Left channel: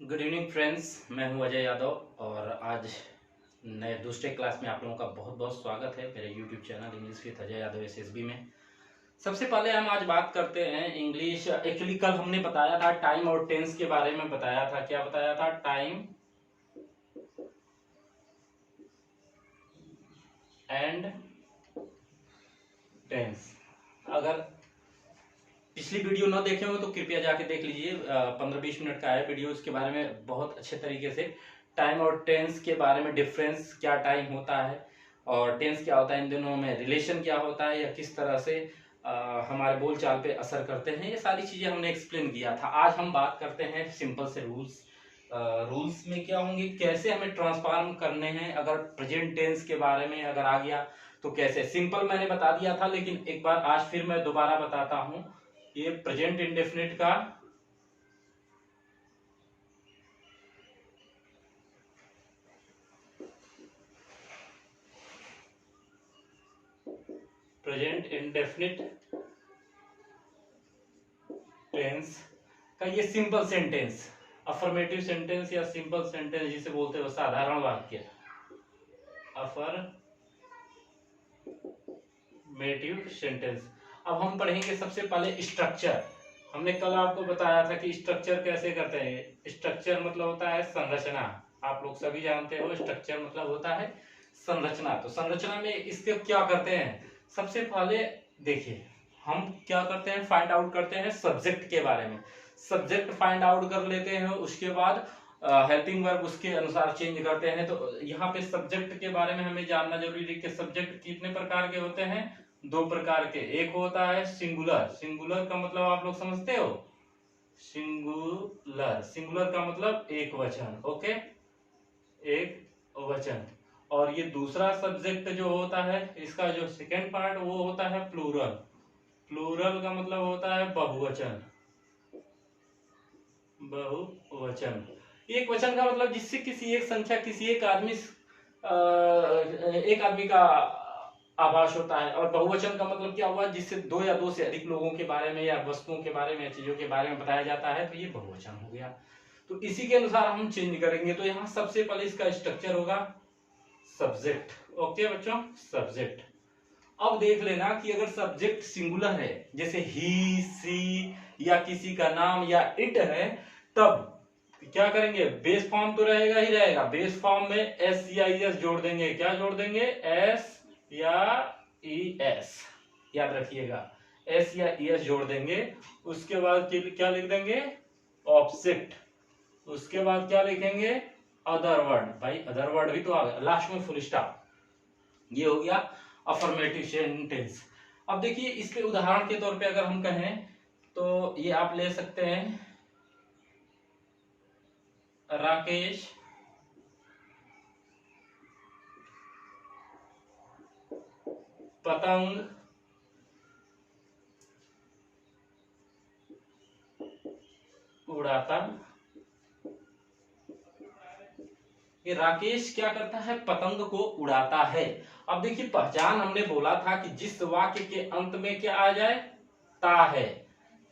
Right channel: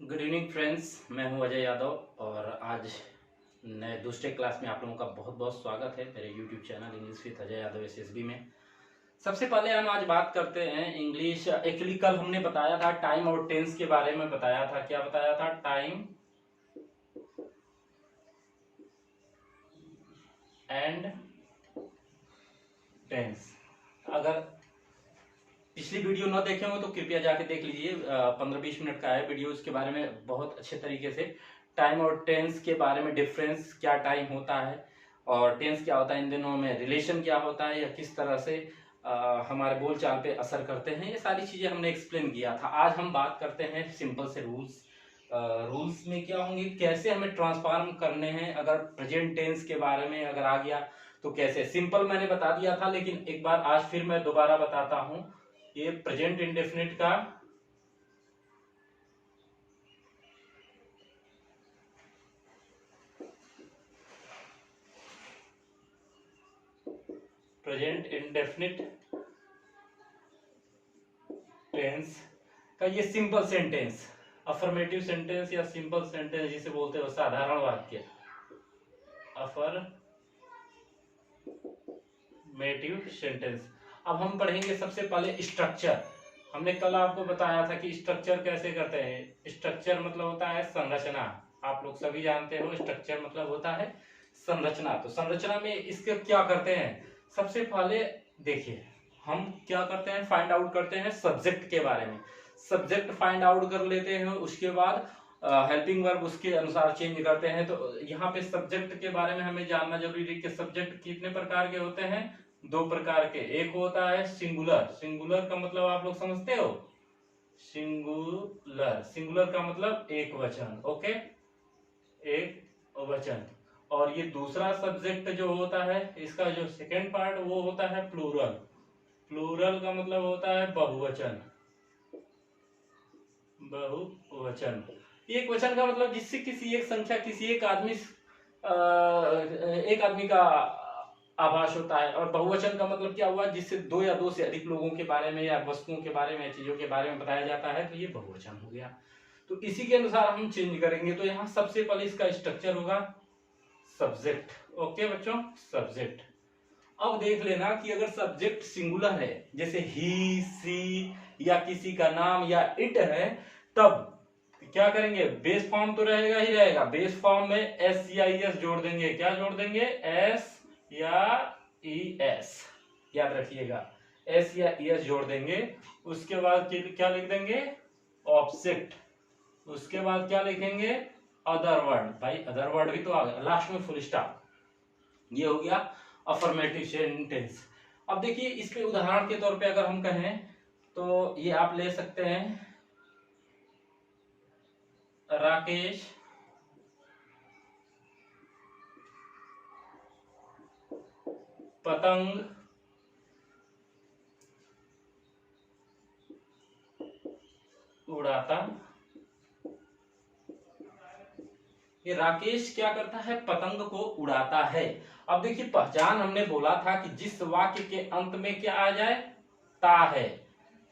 Good evening friends, मैं हूं अजय यादव और आज नए दूसरे क्लास में आप लोगों का बहुत बहुत स्वागत है मेरे YouTube channel English with Ajay Yadav SSB में। सबसे पहले हम आज बात करते हैं इंग्लिश। एक्चुअली कल हमने बताया था टाइम और टेंस के बारे में बताया था। क्या बताया था? Time and tense. अगर पिछली वीडियो न देखे हो तो कृपया जाके देख लीजिए। 15-20 मिनट का है वीडियो। इसके बारे में बहुत अच्छे तरीके से टाइम और टेंस के बारे में, डिफरेंस क्या टाइम होता है और टेंस क्या होता है, इन दोनों में रिलेशन क्या होता है या किस तरह से हमारे बोलचाल पे असर करते हैं, ये सारी चीजें हमने एक्सप्लेन किया था। आज हम बात करते हैं सिंपल से रूल्स। रूल्स में क्या होंगे, कैसे हमें ट्रांसफॉर्म करने हैं। अगर प्रेजेंट टेंस के बारे में अगर आ गया तो कैसे। सिंपल मैंने बता दिया था, लेकिन एक बार आज फिर मैं दोबारा बताता हूं। ये प्रेजेंट इंडेफिनिट का प्रेजेंट इंडेफिनिट टेंस का ये सिंपल सेंटेंस, अफर्मेटिव सेंटेंस या सिंपल सेंटेंस जिसे बोलते हैं, साधारण वाक्य, अफर्मेटिव सेंटेंस। अब हम पढ़ेंगे सबसे पहले स्ट्रक्चर। हमने कल आपको बताया था कि स्ट्रक्चर कैसे करते हैं। स्ट्रक्चर मतलब होता है संरचना। आप लोग सभी जानते हो स्ट्रक्चर मतलब होता है संरचना। तो संरचना में इसके क्या करते हैं, सबसे पहले देखिए हम क्या करते हैं, फाइंड आउट करते हैं सब्जेक्ट के बारे में। सब्जेक्ट फाइंड आउट कर लेते हैं, उसके बाद हेल्पिंग वर्ब उसके अनुसार चेंज करते हैं। तो यहाँ पे सब्जेक्ट के बारे में हमें जानना जरूरी है कि सब्जेक्ट कितने प्रकार के होते हैं। दो प्रकार के। एक होता है सिंगुलर। सिंगुलर का मतलब आप लोग समझते हो, सिंगुलर। सिंगुलर का मतलब एक वचन। ओके, एक वचन। और ये दूसरा सब्जेक्ट जो होता है, इसका जो सेकेंड पार्ट वो होता है प्लूरल। प्लूरल का मतलब होता है बहुवचन। बहुवचन, एक वचन का मतलब जिससे किसी एक संख्या, किसी एक आदमी, एक आदमी का आभास होता है। और बहुवचन का मतलब क्या हुआ, जिससे दो या दो से अधिक लोगों के बारे में या वस्तुओं के बारे में, चीजों के बारे में बताया जाता है, तो ये बहुवचन हो गया। तो इसी के अनुसार हम चेंज करेंगे। तो यहाँ सबसे पहले इसका स्ट्रक्चर होगा सब्जेक्ट। ओके बच्चों, सब्जेक्ट। अब देख लेना कि अगर सब्जेक्ट सिंगुलर है, जैसे ही, सी या किसी का नाम या इट है, तब क्या करेंगे, बेस फॉर्म तो रहेगा ही रहेगा। बेस फॉर्म में एस या ई एस जोड़ देंगे। क्या जोड़ देंगे? एस या ई एस, याद रखिएगा, एस या ई एस जोड़ देंगे। उसके बाद क्या लिख देंगे? ऑब्जेक्ट। उसके बाद क्या लिखेंगे? Other word. भाई अदर वर्ड भी तो आ गया, लास्ट में फुल स्टॉप। ये हो गया अफर्मेटिव सेंटेंस। अब देखिए इस पे उदाहरण के तौर पे अगर हम कहें तो ये आप ले सकते हैं, राकेश पतंग उड़ाता। ये राकेश क्या करता है? पतंग को उड़ाता है। अब देखिए पहचान हमने बोला था कि जिस वाक्य के अंत में क्या आ जाए, ता है,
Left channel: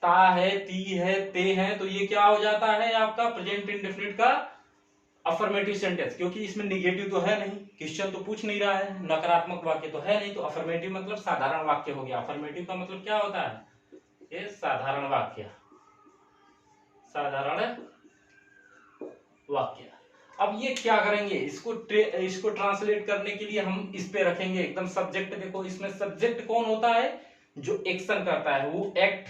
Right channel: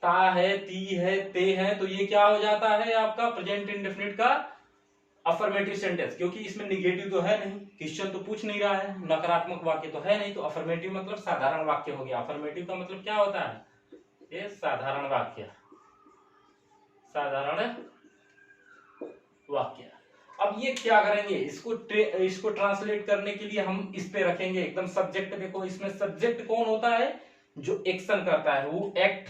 ता है, ती है, ते है, तो ये क्या हो जाता है आपका प्रेजेंट इंडेफिनिट का अफर्मेटिव सेंटेंस। क्योंकि इसमें निगेटिव तो है नहीं, क्वेश्चन तो पूछ नहीं रहा है, नकारात्मक वाक्य तो है नहीं, तो अफर्मेटिव मतलब साधारण वाक्य हो गया। अफर्मेटिव का मतलब क्या होता है? ये साधारण वाक्य, साधारण वाक्य। अब ये क्या करेंगे, इसको ट्रांसलेट करने के लिए हम इस पे रखेंगे एकदम सब्जेक्ट। देखो इसमें सब्जेक्ट कौन होता है? जो एक्शन करता है, वो एक्ट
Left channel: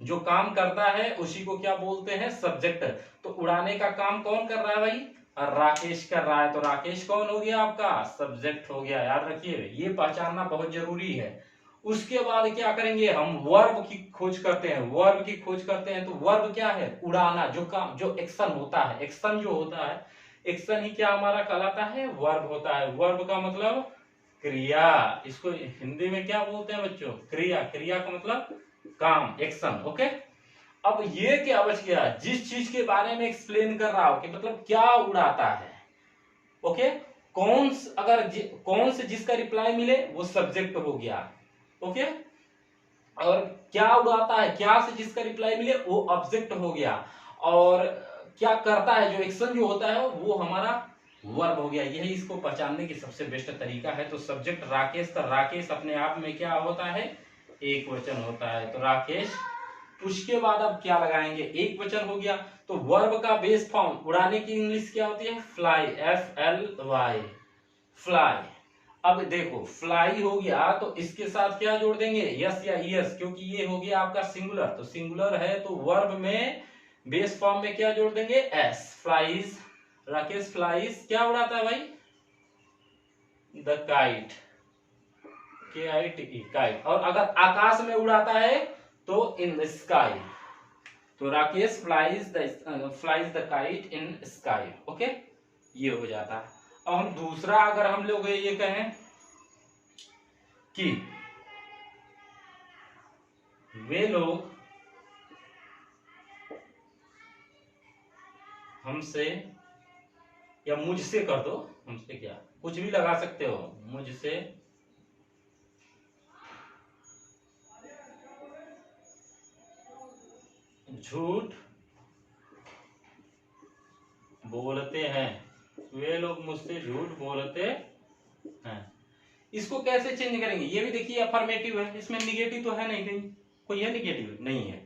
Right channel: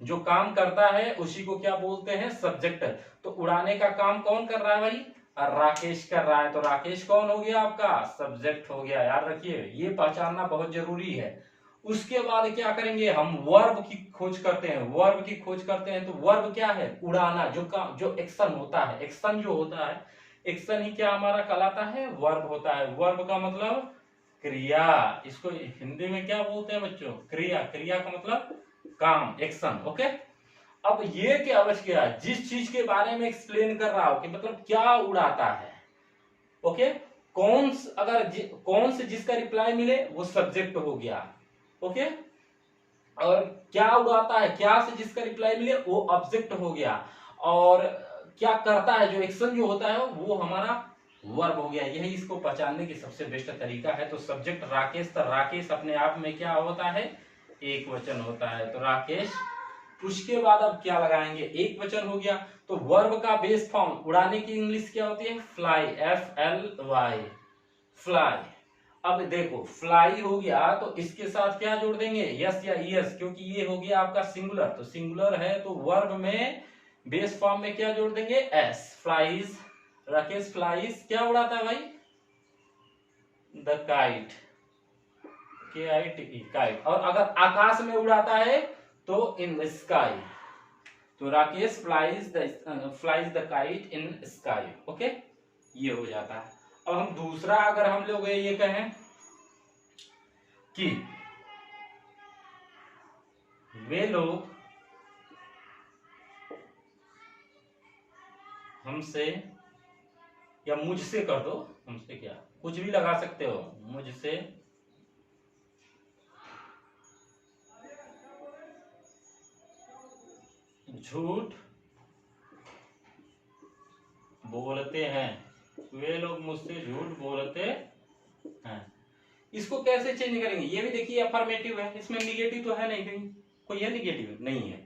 जो काम करता है उसी को क्या बोलते हैं? सब्जेक्ट। तो उड़ाने का काम कौन कर रहा है भाई? राकेश कर रहा है। तो राकेश कौन हो गया आपका? सब्जेक्ट हो गया। याद रखिए, ये पहचानना बहुत जरूरी है। उसके बाद क्या करेंगे, हम वर्ब की खोज करते हैं। वर्ब की खोज करते हैं तो वर्ब क्या है? उड़ाना। जो काम, जो एक्शन होता है, एक्शन जो होता है, एक्शन ही क्या हमारा कहलाता है? वर्ब होता है। वर्ब का मतलब क्रिया। इसको हिंदी में क्या बोलते हैं बच्चों? क्रिया। क्रिया का मतलब काम, एक्शन। ओके। अब ये क्या बच गया, जिस चीज के बारे में एक्सप्लेन कर रहा हो कि मतलब क्या उड़ाता है। ओके, कौन से जिसका रिप्लाई मिले वो सब्जेक्ट हो गया। ओके, और क्या उड़ाता है, क्या से जिसका रिप्लाई मिले वो ऑब्जेक्ट हो गया। और क्या करता है, जो एक्शन जो होता है वो हमारा वर्ब हो गया। यही इसको पहचानने की सबसे बेस्ट तरीका है। तो सब्जेक्ट राकेश, तो राकेश अपने आप में क्या होता है, एक वचन होता है, तो राकेश। उसके बाद अब क्या लगाएंगे, एक वचन हो गया। तो वर्ब का बेस फॉर्म उड़ाने की इंग्लिश क्या होती है, फ्लाई, FLY, फ्लाई। अब देखो फ्लाई हो गया तो इसके साथ क्या जोड़ देंगे, यस या यस, क्योंकि ये हो गया आपका सिंगुलर, तो सिंगुलर है तो वर्ब में बेस फॉर्म में क्या जोड़ देंगे, एस, फ्लाइज। राकेश फ्लाइज क्या उड़ाता है भाई, द काइट, KITE, काइट। और अगर आकाश में उड़ाता है तो इन द स्काई, तो Rakesh flies the kite in sky. Okay, ये हो जाता है। अब हम दूसरा अगर हम लोग ये कहें कि वे लोग हमसे, या मुझसे कर दो, हमसे क्या कुछ भी लगा सकते हो, मुझसे झूठ बोलते हैं, वे लोग मुझसे झूठ बोलते हैं। इसको कैसे चेंज करेंगे, ये भी देखिए अफर्मेटिव है, इसमें निगेटिव तो है नहीं, कहीं कोई है निगेटिव नहीं है।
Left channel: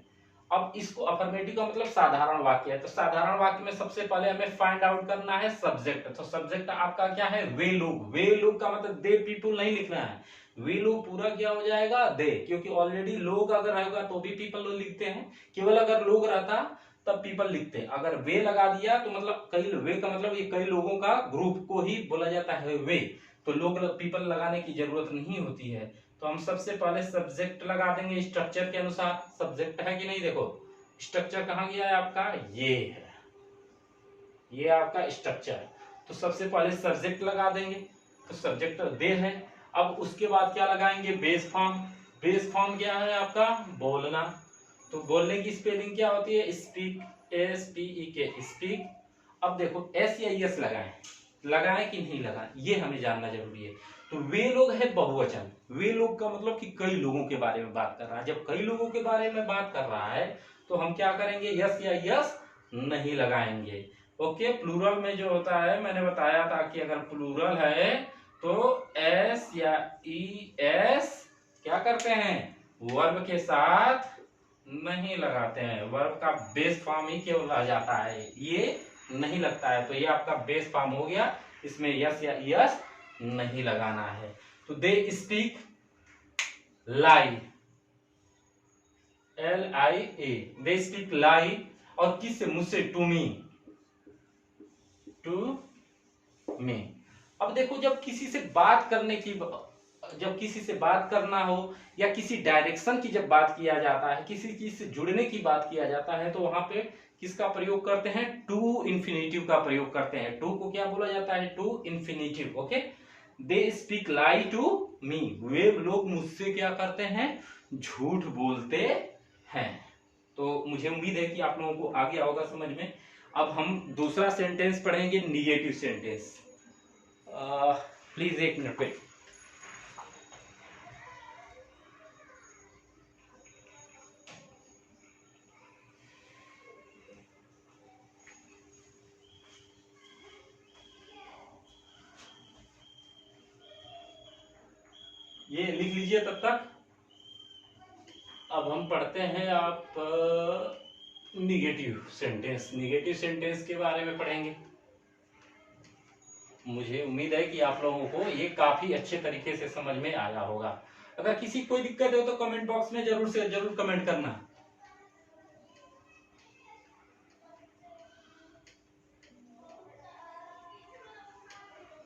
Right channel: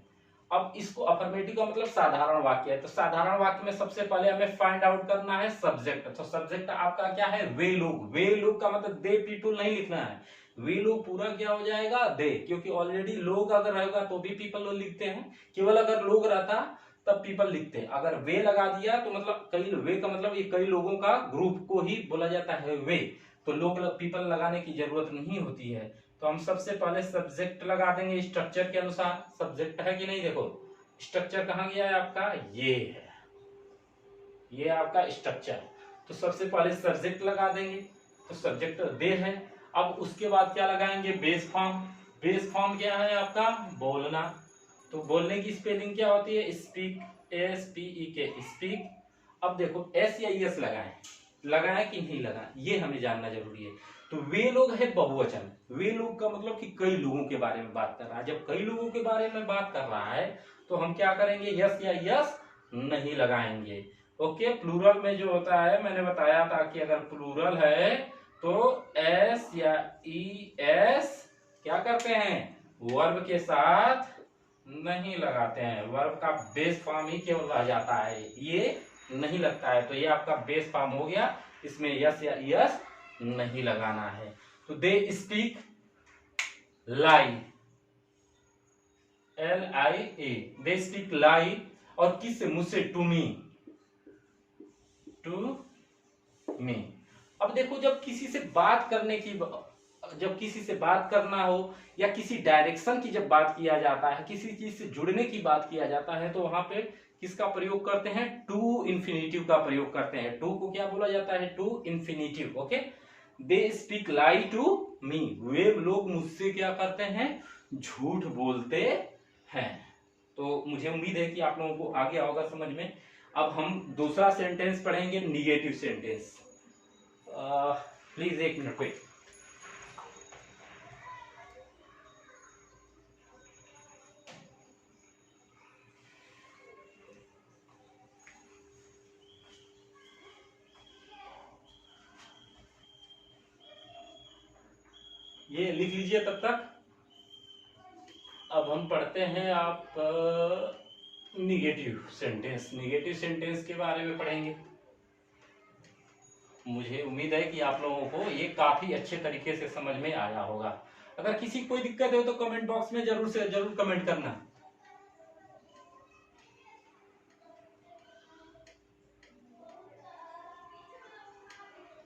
अब इसको अफर्मेटिव का मतलब साधारण वाक्य है, तो साधारण वाक्य में सबसे पहले हमें फाइंड आउट करना है सब्जेक्ट। तो सब्जेक्ट आपका क्या है, वे लोग। वे लोग का मतलब दे पीपल नहीं लिखना है, वे लोग पूरा क्या हो जाएगा, दे, क्योंकि ऑलरेडी लोग अगर रहेगा तो भी पीपल लोग लिखते हैं, केवल अगर लोग रहता तब पीपल लिखते हैं। अगर वे लगा दिया तो मतलब कई, वे का मतलब ये कई लोगों का ग्रुप को ही बोला जाता है वे, तो लोग पीपल लगाने की जरूरत नहीं होती है। तो हम सबसे पहले सब्जेक्ट लगा देंगे स्ट्रक्चर के अनुसार। सब्जेक्ट है कि नहीं, देखो स्ट्रक्चर कहां गया है आपका, ये है, ये आपका स्ट्रक्चर। तो सबसे पहले सब्जेक्ट लगा देंगे, तो सब्जेक्ट दे है। अब उसके बाद क्या लगाएंगे, बेस फॉर्म। बेस फॉर्म क्या है आपका, बोलना। तो बोलने की स्पेलिंग क्या होती है, स्पीक, SPEK, स्पीक। अब देखो एस या यस लगाएं कि नहीं लगाएं, ये हमें जानना जरूरी है। तो वे लोग है बहुवचन, वे लोग का मतलब कि कई लोगों के बारे में बात कर रहा है। जब कई लोगों के बारे में बात कर रहा है तो हम क्या करेंगे, यस या यस नहीं लगाएंगे। ओके, प्लूरल में जो होता है, मैंने बताया था कि अगर प्लूरल है तो S या ES क्या करते हैं, वर्ब के साथ नहीं लगाते हैं, वर्ब का बेस फॉर्म ही केवल आ जाता है, ये नहीं लगता है। तो ये आपका बेस फॉर्म हो गया, इसमें यस या यस नहीं लगाना है। तो they speak lie, LIA, they speak lie. और किससे, मुझसे, टू मी, टू मी। अब देखो जब किसी से बात करने की, जब किसी से बात करना हो या किसी डायरेक्शन की जब बात किया जाता है, किसी चीज से जुड़ने की बात किया जाता है, तो वहां पे किसका प्रयोग करते हैं, टू इन्फिनेटिव का प्रयोग करते हैं। टू को क्या बोला जाता है, to infinitive. Okay, they speak lie to me, वे लोग मुझसे क्या करते हैं, झूठ बोलते हैं। तो मुझे उम्मीद है कि आप लोगों को आ गया होगा समझ में। अब हम दूसरा सेंटेंस पढ़ेंगे, निगेटिव सेंटेंस। प्लीज एक मिनट वेट। ये लिख लीजिए तब तक। अब हम पढ़ते हैं आप निगेटिव सेंटेंस। निगेटिव सेंटेंस के बारे में पढ़ेंगे। मुझे उम्मीद है कि आप लोगों को ये काफी अच्छे तरीके से समझ में आया होगा। अगर किसी कोई दिक्कत हो तो कमेंट बॉक्स में जरूर से जरूर कमेंट करना।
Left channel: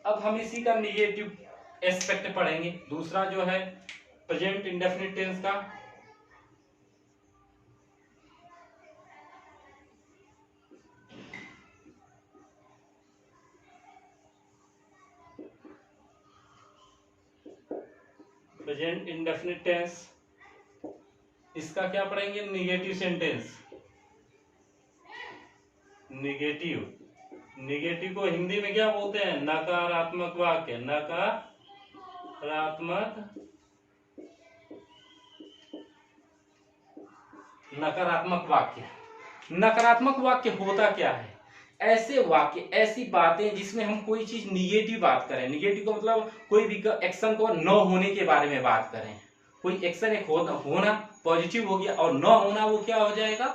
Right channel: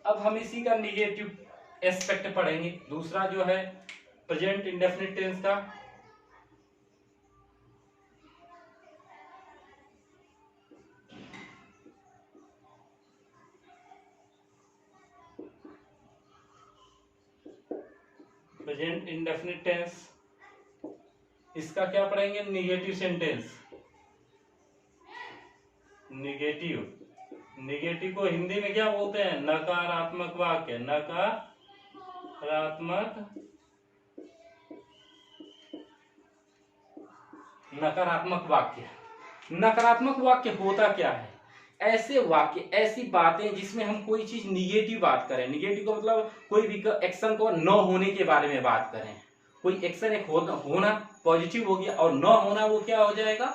अब हम इसी का निगेटिव एस्पेक्ट पढ़ेंगे, दूसरा जो है प्रेजेंट इंडेफिनिट टेंस का। प्रेजेंट इंडेफिनिट टेंस, इसका क्या पढ़ेंगे, निगेटिव सेंटेंस। निगेटिव, निगेटिव को हिंदी में क्या बोलते हैं, नकारात्मक वाक्य। नकारात्मक वाक्य। नकारात्मक वाक्य होता क्या है, ऐसे वाक्य, ऐसी बातें जिसमें हम कोई चीज निगेटिव बात करें, निगेटिव का मतलब कोई भी एक्शन को न होने के बारे में बात करें। कोई एक्शन एक होना पॉजिटिव हो गया और न होना वो क्या हो जाएगा,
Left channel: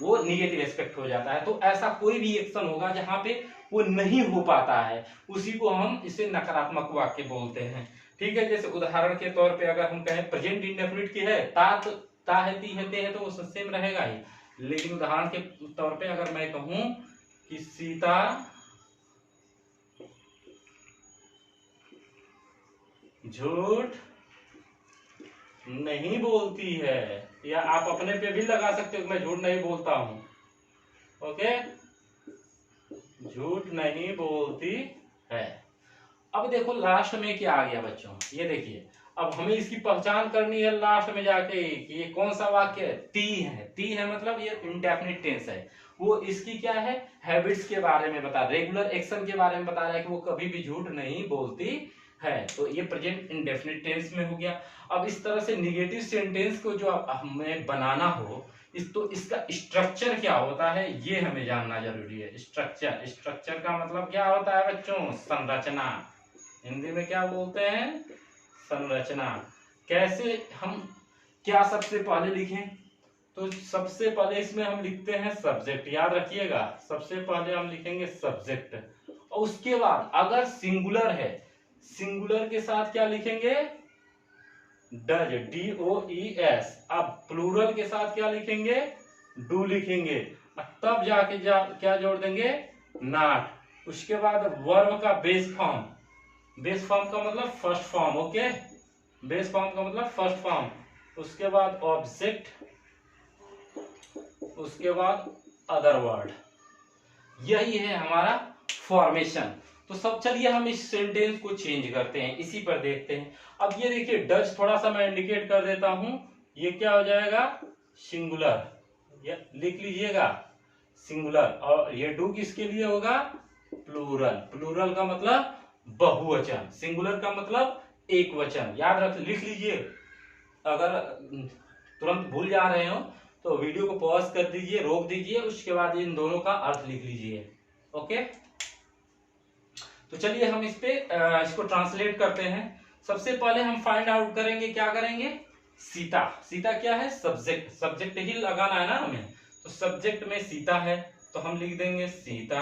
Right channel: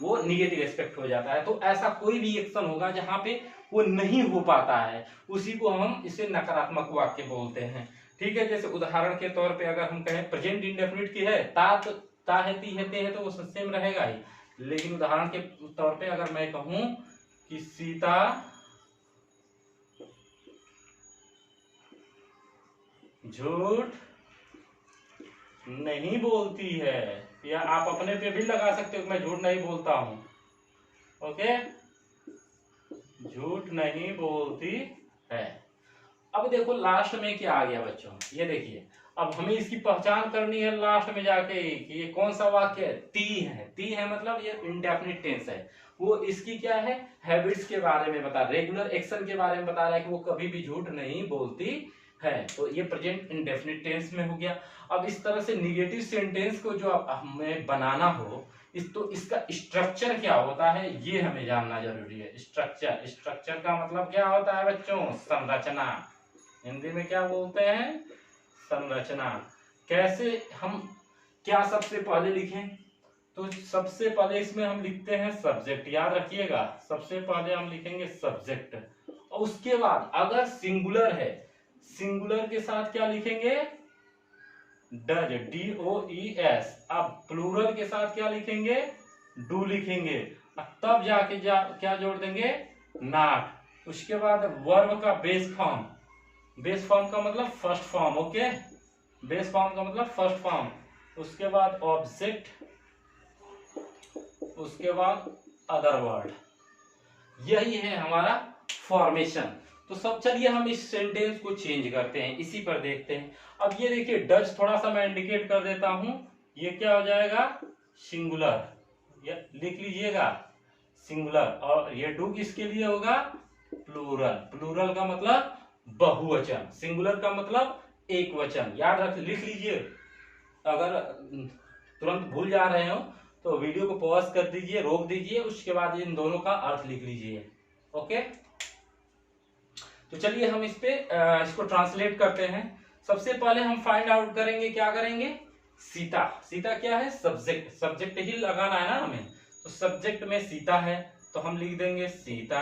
वो निगेटिव एस्पेक्ट हो जाता है। तो ऐसा कोई भी एक्शन होगा जहां पे वो नहीं हो पाता है, उसी को हम इसे नकारात्मक वाक्य बोलते हैं। ठीक है, जैसे उदाहरण के तौर पे अगर हम कहें प्रेजेंट इंडेफिनिट की है, ता है, ती है, ते है, तो वो सेम रहेगा ही। लेकिन उदाहरण के तौर पे अगर मैं कहूं कि सीता झूठ नहीं बोलती है, या आप अपने पे भी लगा सकते हो, मैं झूठ नहीं बोलता हूं, ओके, झूठ नहीं बोलती है। अब देखो लास्ट में क्या आ गया बच्चों, ये देखिए, अब हमें इसकी पहचान करनी है लास्ट में जाके कि ये कौन सा वाक्य है। ती है मतलब ये इंडेफिनिट टेंस है, वो इसकी क्या है, हैबिट्स के बारे में बता, रेगुलर एक्शन के बारे में बता रहा है कि वो कभी भी झूठ नहीं बोलती है, तो ये प्रेजेंट इंडेफिनिट टेंस में हो गया। अब इस तरह से निगेटिव सेंटेंस को जो हमें बनाना हो, तो इसका स्ट्रक्चर क्या होता है ये हमें जानना जरूरी है। स्ट्रक्चर का मतलब क्या होता है बच्चों, संरचना, हिंदी में क्या बोलते हैं, संरचना। कैसे हम क्या सबसे पहले लिखें, तो सबसे पहले इसमें हम लिखते हैं सब्जेक्ट, याद रखिएगा, सबसे पहले हम लिखेंगे सब्जेक्ट, और उसके बाद अगर सिंगुलर है, सिंगुलर के साथ क्या लिखेंगे, डज, DOES। अब प्लूरल के साथ क्या लिखेंगे, डू लिखेंगे, तब जाके क्या जोड़ देंगे, नॉट। उसके बाद वर्ब का बेस फॉर्म, बेस फॉर्म का मतलब first form, okay, base form का मतलब फर्स्ट फॉर्म। उसके बाद ऑब्जेक्ट, उसके बाद अदर वर्ड, यही है हमारा फॉर्मेशन। तो सब चलिए हम इस सेंटेंस को चेंज करते हैं, इसी पर देखते हैं। अब ये देखिए डज, थोड़ा सा मैं इंडिकेट कर देता हूं, ये क्या हो जाएगा, सिंगुलर, ये लिख लीजिएगा सिंगुलर, और ये डू किसके लिए होगा, प्लूरल। प्लूरल का मतलब बहुवचन, सिंगुलर का मतलब एक वचन, याद रख, लिख लीजिए। अगर तुरंत भूल जा रहे हो तो वीडियो को पॉज कर दीजिए, रोक दीजिए, उसके बाद इन दोनों का अर्थ लिख लीजिए, ओके। तो चलिए हम इसको ट्रांसलेट करते हैं। सबसे पहले हम फाइंड आउट करेंगे, क्या करेंगे, सीता। सीता क्या है, सब्जेक्ट, सब्जेक्ट ही लगाना है ना हमें, तो सब्जेक्ट में सीता है, तो हम लिख देंगे सीता।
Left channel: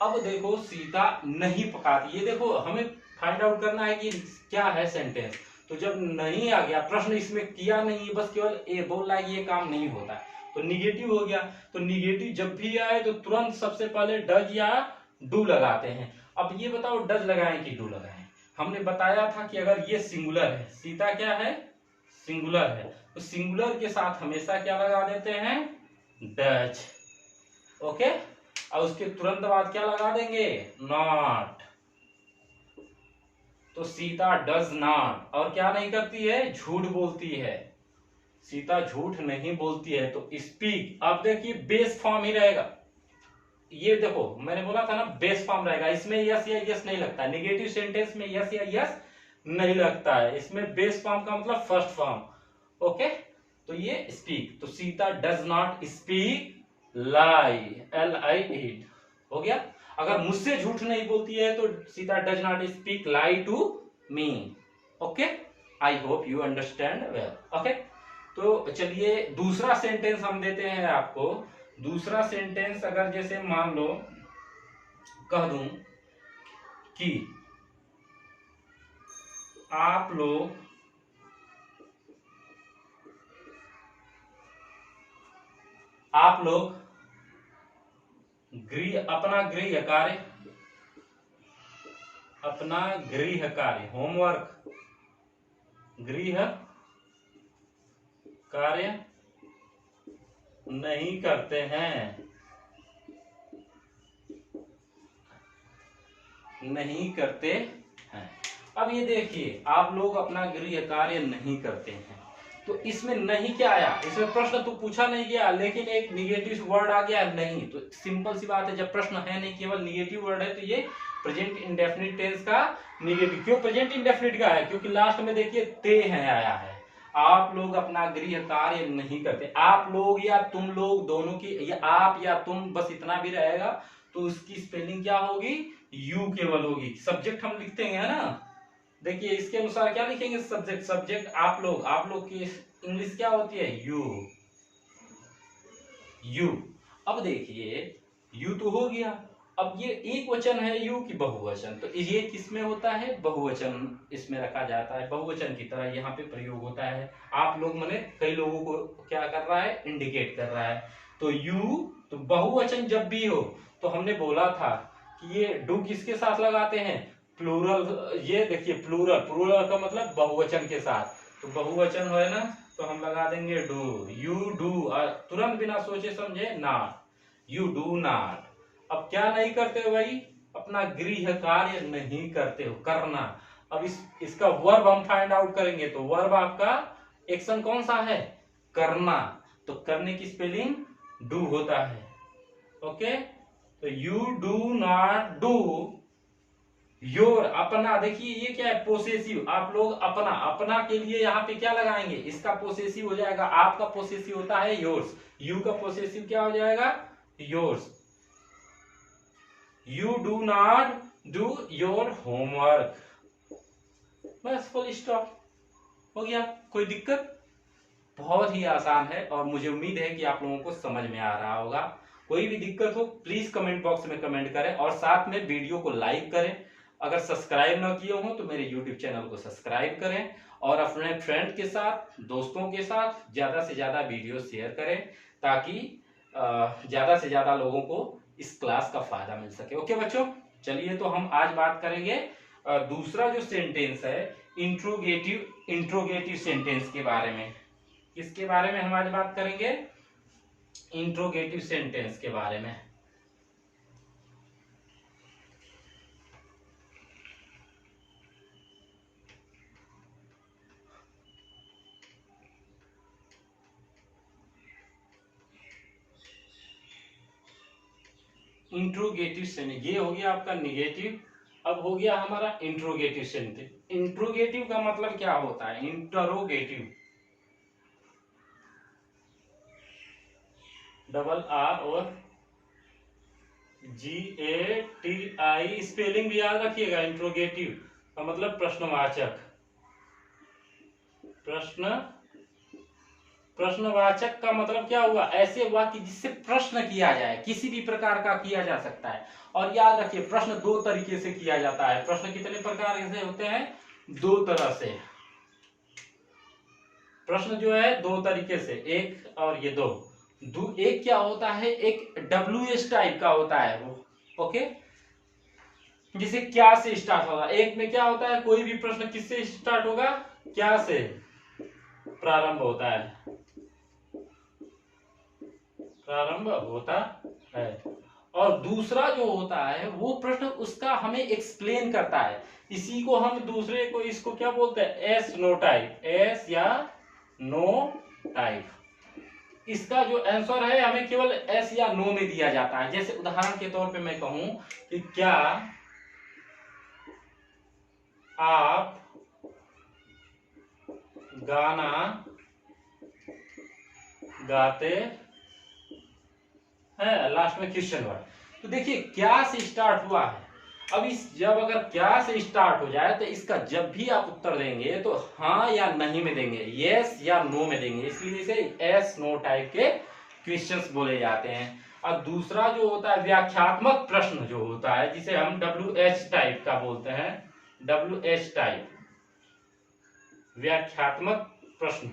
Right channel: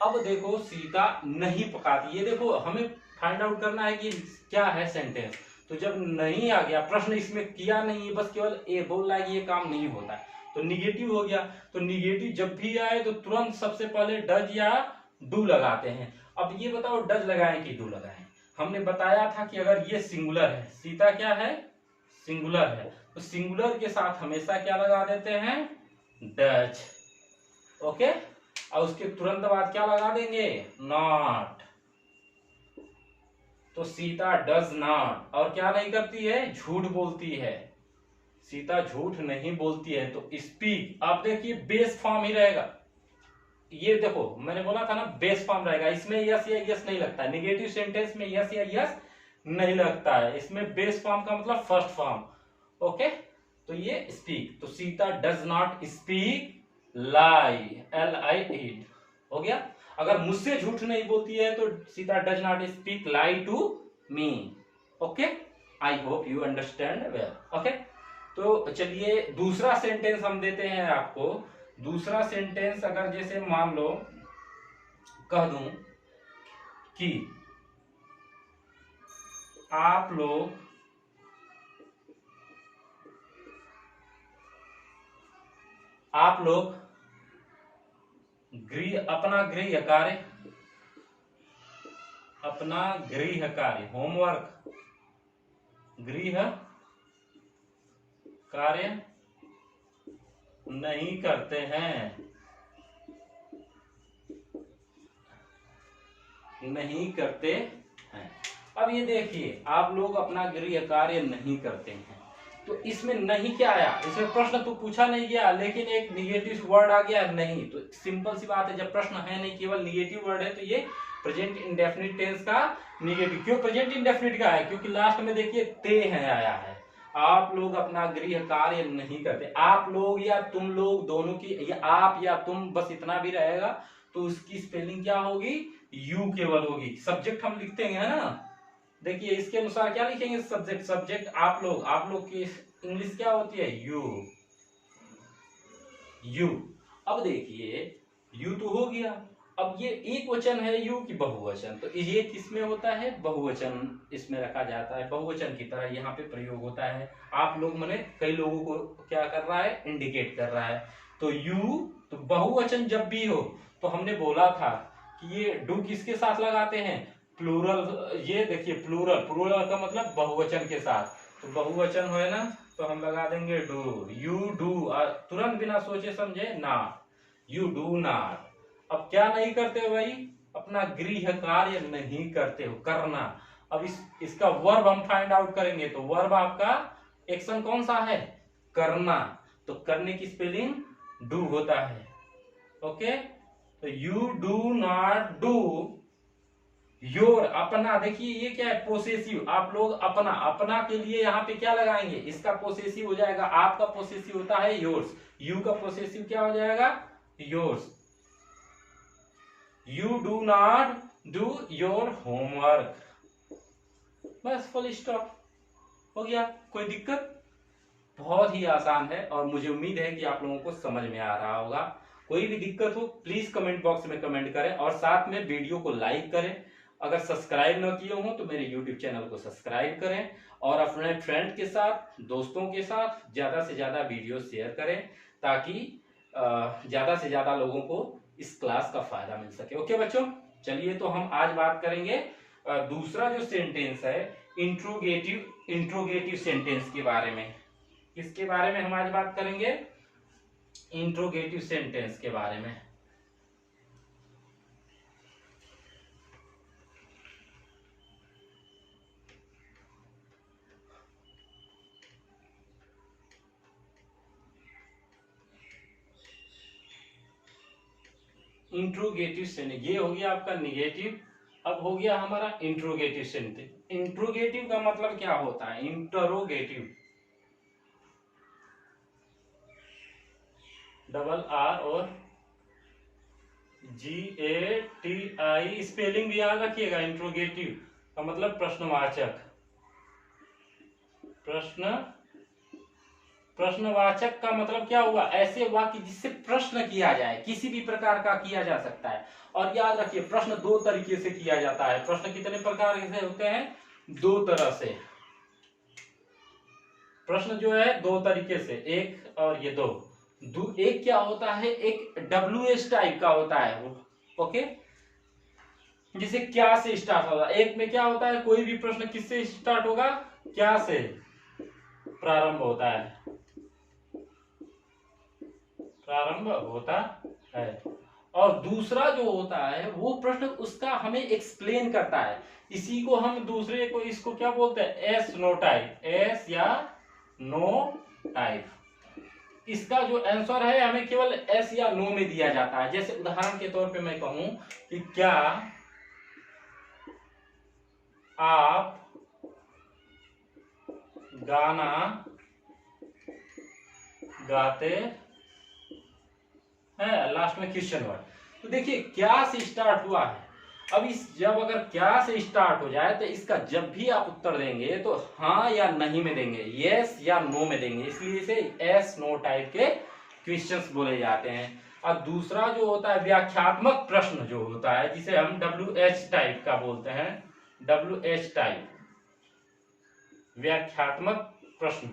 अब देखो सीता नहीं पकाती, ये देखो हमें फाइंड आउट करना है कि क्या है सेंटेंस। तो जब नहीं आ गया, प्रश्न इसमें किया नहीं, बस केवल ये बोल रहा है ये काम नहीं होता, तो निगेटिव हो गया। तो निगेटिव जब भी आए तो तुरंत सबसे पहले डज या डू लगाते हैं। अब ये बताओ डज लगाएं कि डू लगाएं। हमने बताया था कि अगर ये सिंगुलर है, सीता क्या है, सिंगुलर है, तो सिंगुलर के साथ हमेशा क्या लगा देते हैं, डज, ओके। और उसके तुरंत बाद क्या लगा देंगे, नॉट। तो सीता डज नॉट, और क्या नहीं करती है, झूठ बोलती है, सीता झूठ नहीं बोलती है। तो स्पीक, आप देखिए बेस फॉर्म ही रहेगा, ये देखो मैंने बोला था ना बेस फॉर्म रहेगा, इसमें यस या यस नहीं लगता, नेगेटिव सेंटेंस में यस या यस नहीं लगता है, इसमें बेस फॉर्म का मतलब फर्स्ट फॉर्म, ओके। तो ये स्पीक, तो Sita does not speak lie, LIE हो गया। अगर मुझसे झूठ नहीं बोलती है तो Sita does not speak lie to me, okay. I hope you understand well, okay. तो चलिए दूसरा सेंटेंस हम देते हैं आपको। दूसरा सेंटेंस अगर जैसे मान लो कह दूं कि आप लोग अपना गृह कार्य होमवर्क, गृह कार्य नहीं करते हैं, नहीं करते हैं। अब ये देखिए आप लोग अपना गृह कार्य नहीं करते हैं, तो इसमें नहीं क्या आया, इसमें प्रश्न तो पूछा नहीं गया, लेकिन एक निगेटिव वर्ड आ गया नहीं। तो सिंपल सी बात है, जब प्रश्न है नहीं केवल निगेटिव वर्ड है, तो ये प्रेजेंट इंडेफिनिट टेंस का निगेटिव। क्यों प्रेजेंट इंडेफिनिट का है, क्योंकि लास्ट में देखिए ते है आया है, आप लोग अपना गृह कार्य नहीं करते। आप लोग या तुम लोग दोनों की, या आप या तुम, बस इतना भी रहेगा तो उसकी स्पेलिंग क्या होगी, यू केवल होगी। सब्जेक्ट हम लिखते हैं ना, देखिए इसके अनुसार क्या लिखेंगे, सब्जेक्ट, सब्जेक्ट आप लोग की इंग्लिश क्या होती है, यू, यू। अब देखिए यू तो हो गया, अब ये एक वचन है यू की बहुवचन, तो ये किस में होता है, बहुवचन इसमें रखा जाता है, बहुवचन की तरह यहाँ पे प्रयोग होता है। आप लोग मैंने कई लोगों को क्या कर रहा है, इंडिकेट कर रहा है। तो यू, तो बहुवचन जब भी हो तो हमने बोला था कि ये डू किसके साथ लगाते हैं, प्लूरल। ये देखिए प्लूरल, प्लूरल का मतलब बहुवचन के साथ, तो बहुवचन है ना, तो हम लगा देंगे डू, यू डू, तुरंत बिना सोचे समझे नॉट, यू डू नॉट। अब क्या नहीं करते हो भाई, अपना गृह कार्य नहीं करते हो, करना। अब इसका वर्ब हम फाइंड आउट करेंगे, तो वर्ब आपका एक्शन कौन सा है, करना, तो करने की स्पेलिंग डू होता है। ओके, तो you do not do your, अपना, देखिए ये क्या है, पोसेसिव। आप लोग अपना, अपना के लिए यहाँ पे क्या लगाएंगे, इसका पोसेसिव हो जाएगा, आपका पोसेसिव होता है योर्स, यू का पोसेसिव क्या हो जाएगा, yours. You do not do your homework, बस फुल स्टॉप, हो गया। कोई दिक्कत, बहुत ही आसान है, और मुझे उम्मीद है कि आप लोगों को समझ में आ रहा होगा। कोई भी दिक्कत हो प्लीज कमेंट बॉक्स में कमेंट करें, और साथ में वीडियो को लाइक करें। अगर सब्सक्राइब ना किए हो तो मेरे यूट्यूब चैनल को सब्सक्राइब करें, और अपने फ्रेंड के साथ, दोस्तों के साथ ज्यादा से ज्यादा वीडियो शेयर करें, ताकि ज्यादा से ज्यादा लोगों को इस क्लास का फायदा मिल सके। ओके बच्चों, चलिए तो हम आज बात करेंगे दूसरा जो सेंटेंस है, इंट्रोगेटिव सेंटेंस के बारे में। किसके बारे में हम आज बात करेंगे, इंट्रोगेटिव सेंटेंस के बारे में। इंट्रोगेटिव सेंटेंस, ये हो गया आपका निगेटिव, अब हो गया हमारा इंट्रोगेटिव सेंटेंस। इंट्रोगेटिव का मतलब क्या होता है, इंटरोगेटिव, डबल आर और GATI, स्पेलिंग भी याद रखिएगा। इंट्रोगेटिव का मतलब प्रश्नवाचक, प्रश्नवाचक का मतलब क्या हुआ, ऐसे वाक्य जिससे प्रश्न किया जाए, किसी भी प्रकार का किया जा सकता है। और याद रखिए प्रश्न दो तरीके से किया जाता है। प्रश्न कितने प्रकार से होते हैं, दो तरह से। प्रश्न जो है दो तरीके से, एक और ये दो। एक क्या होता है, एक WH टाइप का होता है वो, ओके, जिसे क्या से स्टार्ट होगा। एक में क्या होता है, कोई भी प्रश्न किससे स्टार्ट होगा, क्या से प्रारंभ होता है, प्रारंभ होता है। और दूसरा जो होता है वो प्रश्न उसका हमें एक्सप्लेन करता है। इसी को हम दूसरे को, इसको क्या बोलते हैं, एस नो टाइप, एस या नो टाइप। इसका जो आंसर है हमें केवल एस या नो में दिया जाता है। जैसे उदाहरण के तौर पे मैं कहूं कि क्या आप गाना गाते हैं, लास्ट में क्वेश्चन वर्ड। तो देखिए क्या से स्टार्ट हुआ है। अब जब अगर क्या से स्टार्ट हो जाए तो इसका जब भी आप उत्तर देंगे तो हाँ या नहीं में देंगे, यस या नो में देंगे, इसलिए इसे एस नो टाइप के क्वेश्चंस बोले जाते हैं। और दूसरा जो होता है व्याख्यात्मक प्रश्न जो होता है, जिसे हम WH टाइप का बोलते हैं, WH टाइप, व्याख्यात्मक प्रश्न।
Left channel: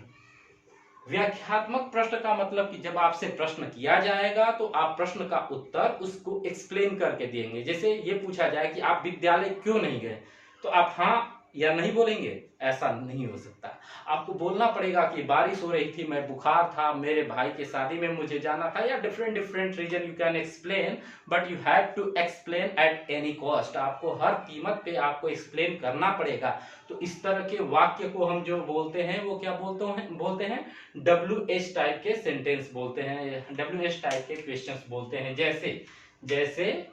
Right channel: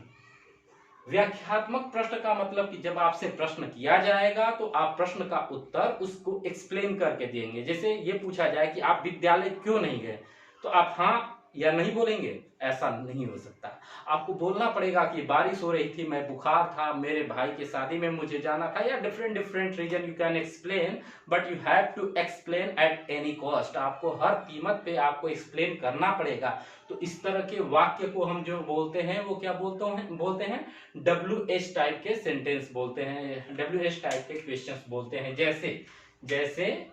व्याख्यात्मक प्रश्न का मतलब कि जब आपसे प्रश्न किया जाएगा तो आप प्रश्न का उत्तर उसको एक्सप्लेन करके देंगे। जैसे ये पूछा जाए कि आप विद्यालय क्यों नहीं गए, तो आप हाँ या नहीं बोलेंगे, ऐसा नहीं हो सकता। आपको बोलना पड़ेगा कि बारिश हो रही थी, मैं बुखार था, मेरे भाई की शादी में मुझे जाना था, या different different reason you can explain, but you have to explain at any cost. आपको हर कीमत पे आपको एक्सप्लेन करना पड़ेगा। तो इस तरह के वाक्य को हम जो बोलते हैं वो क्या बोलते हैं WH टाइप के सेंटेंस बोलते हैं, WH टाइप के क्वेश्चंस बोलते हैं। जैसे जैसे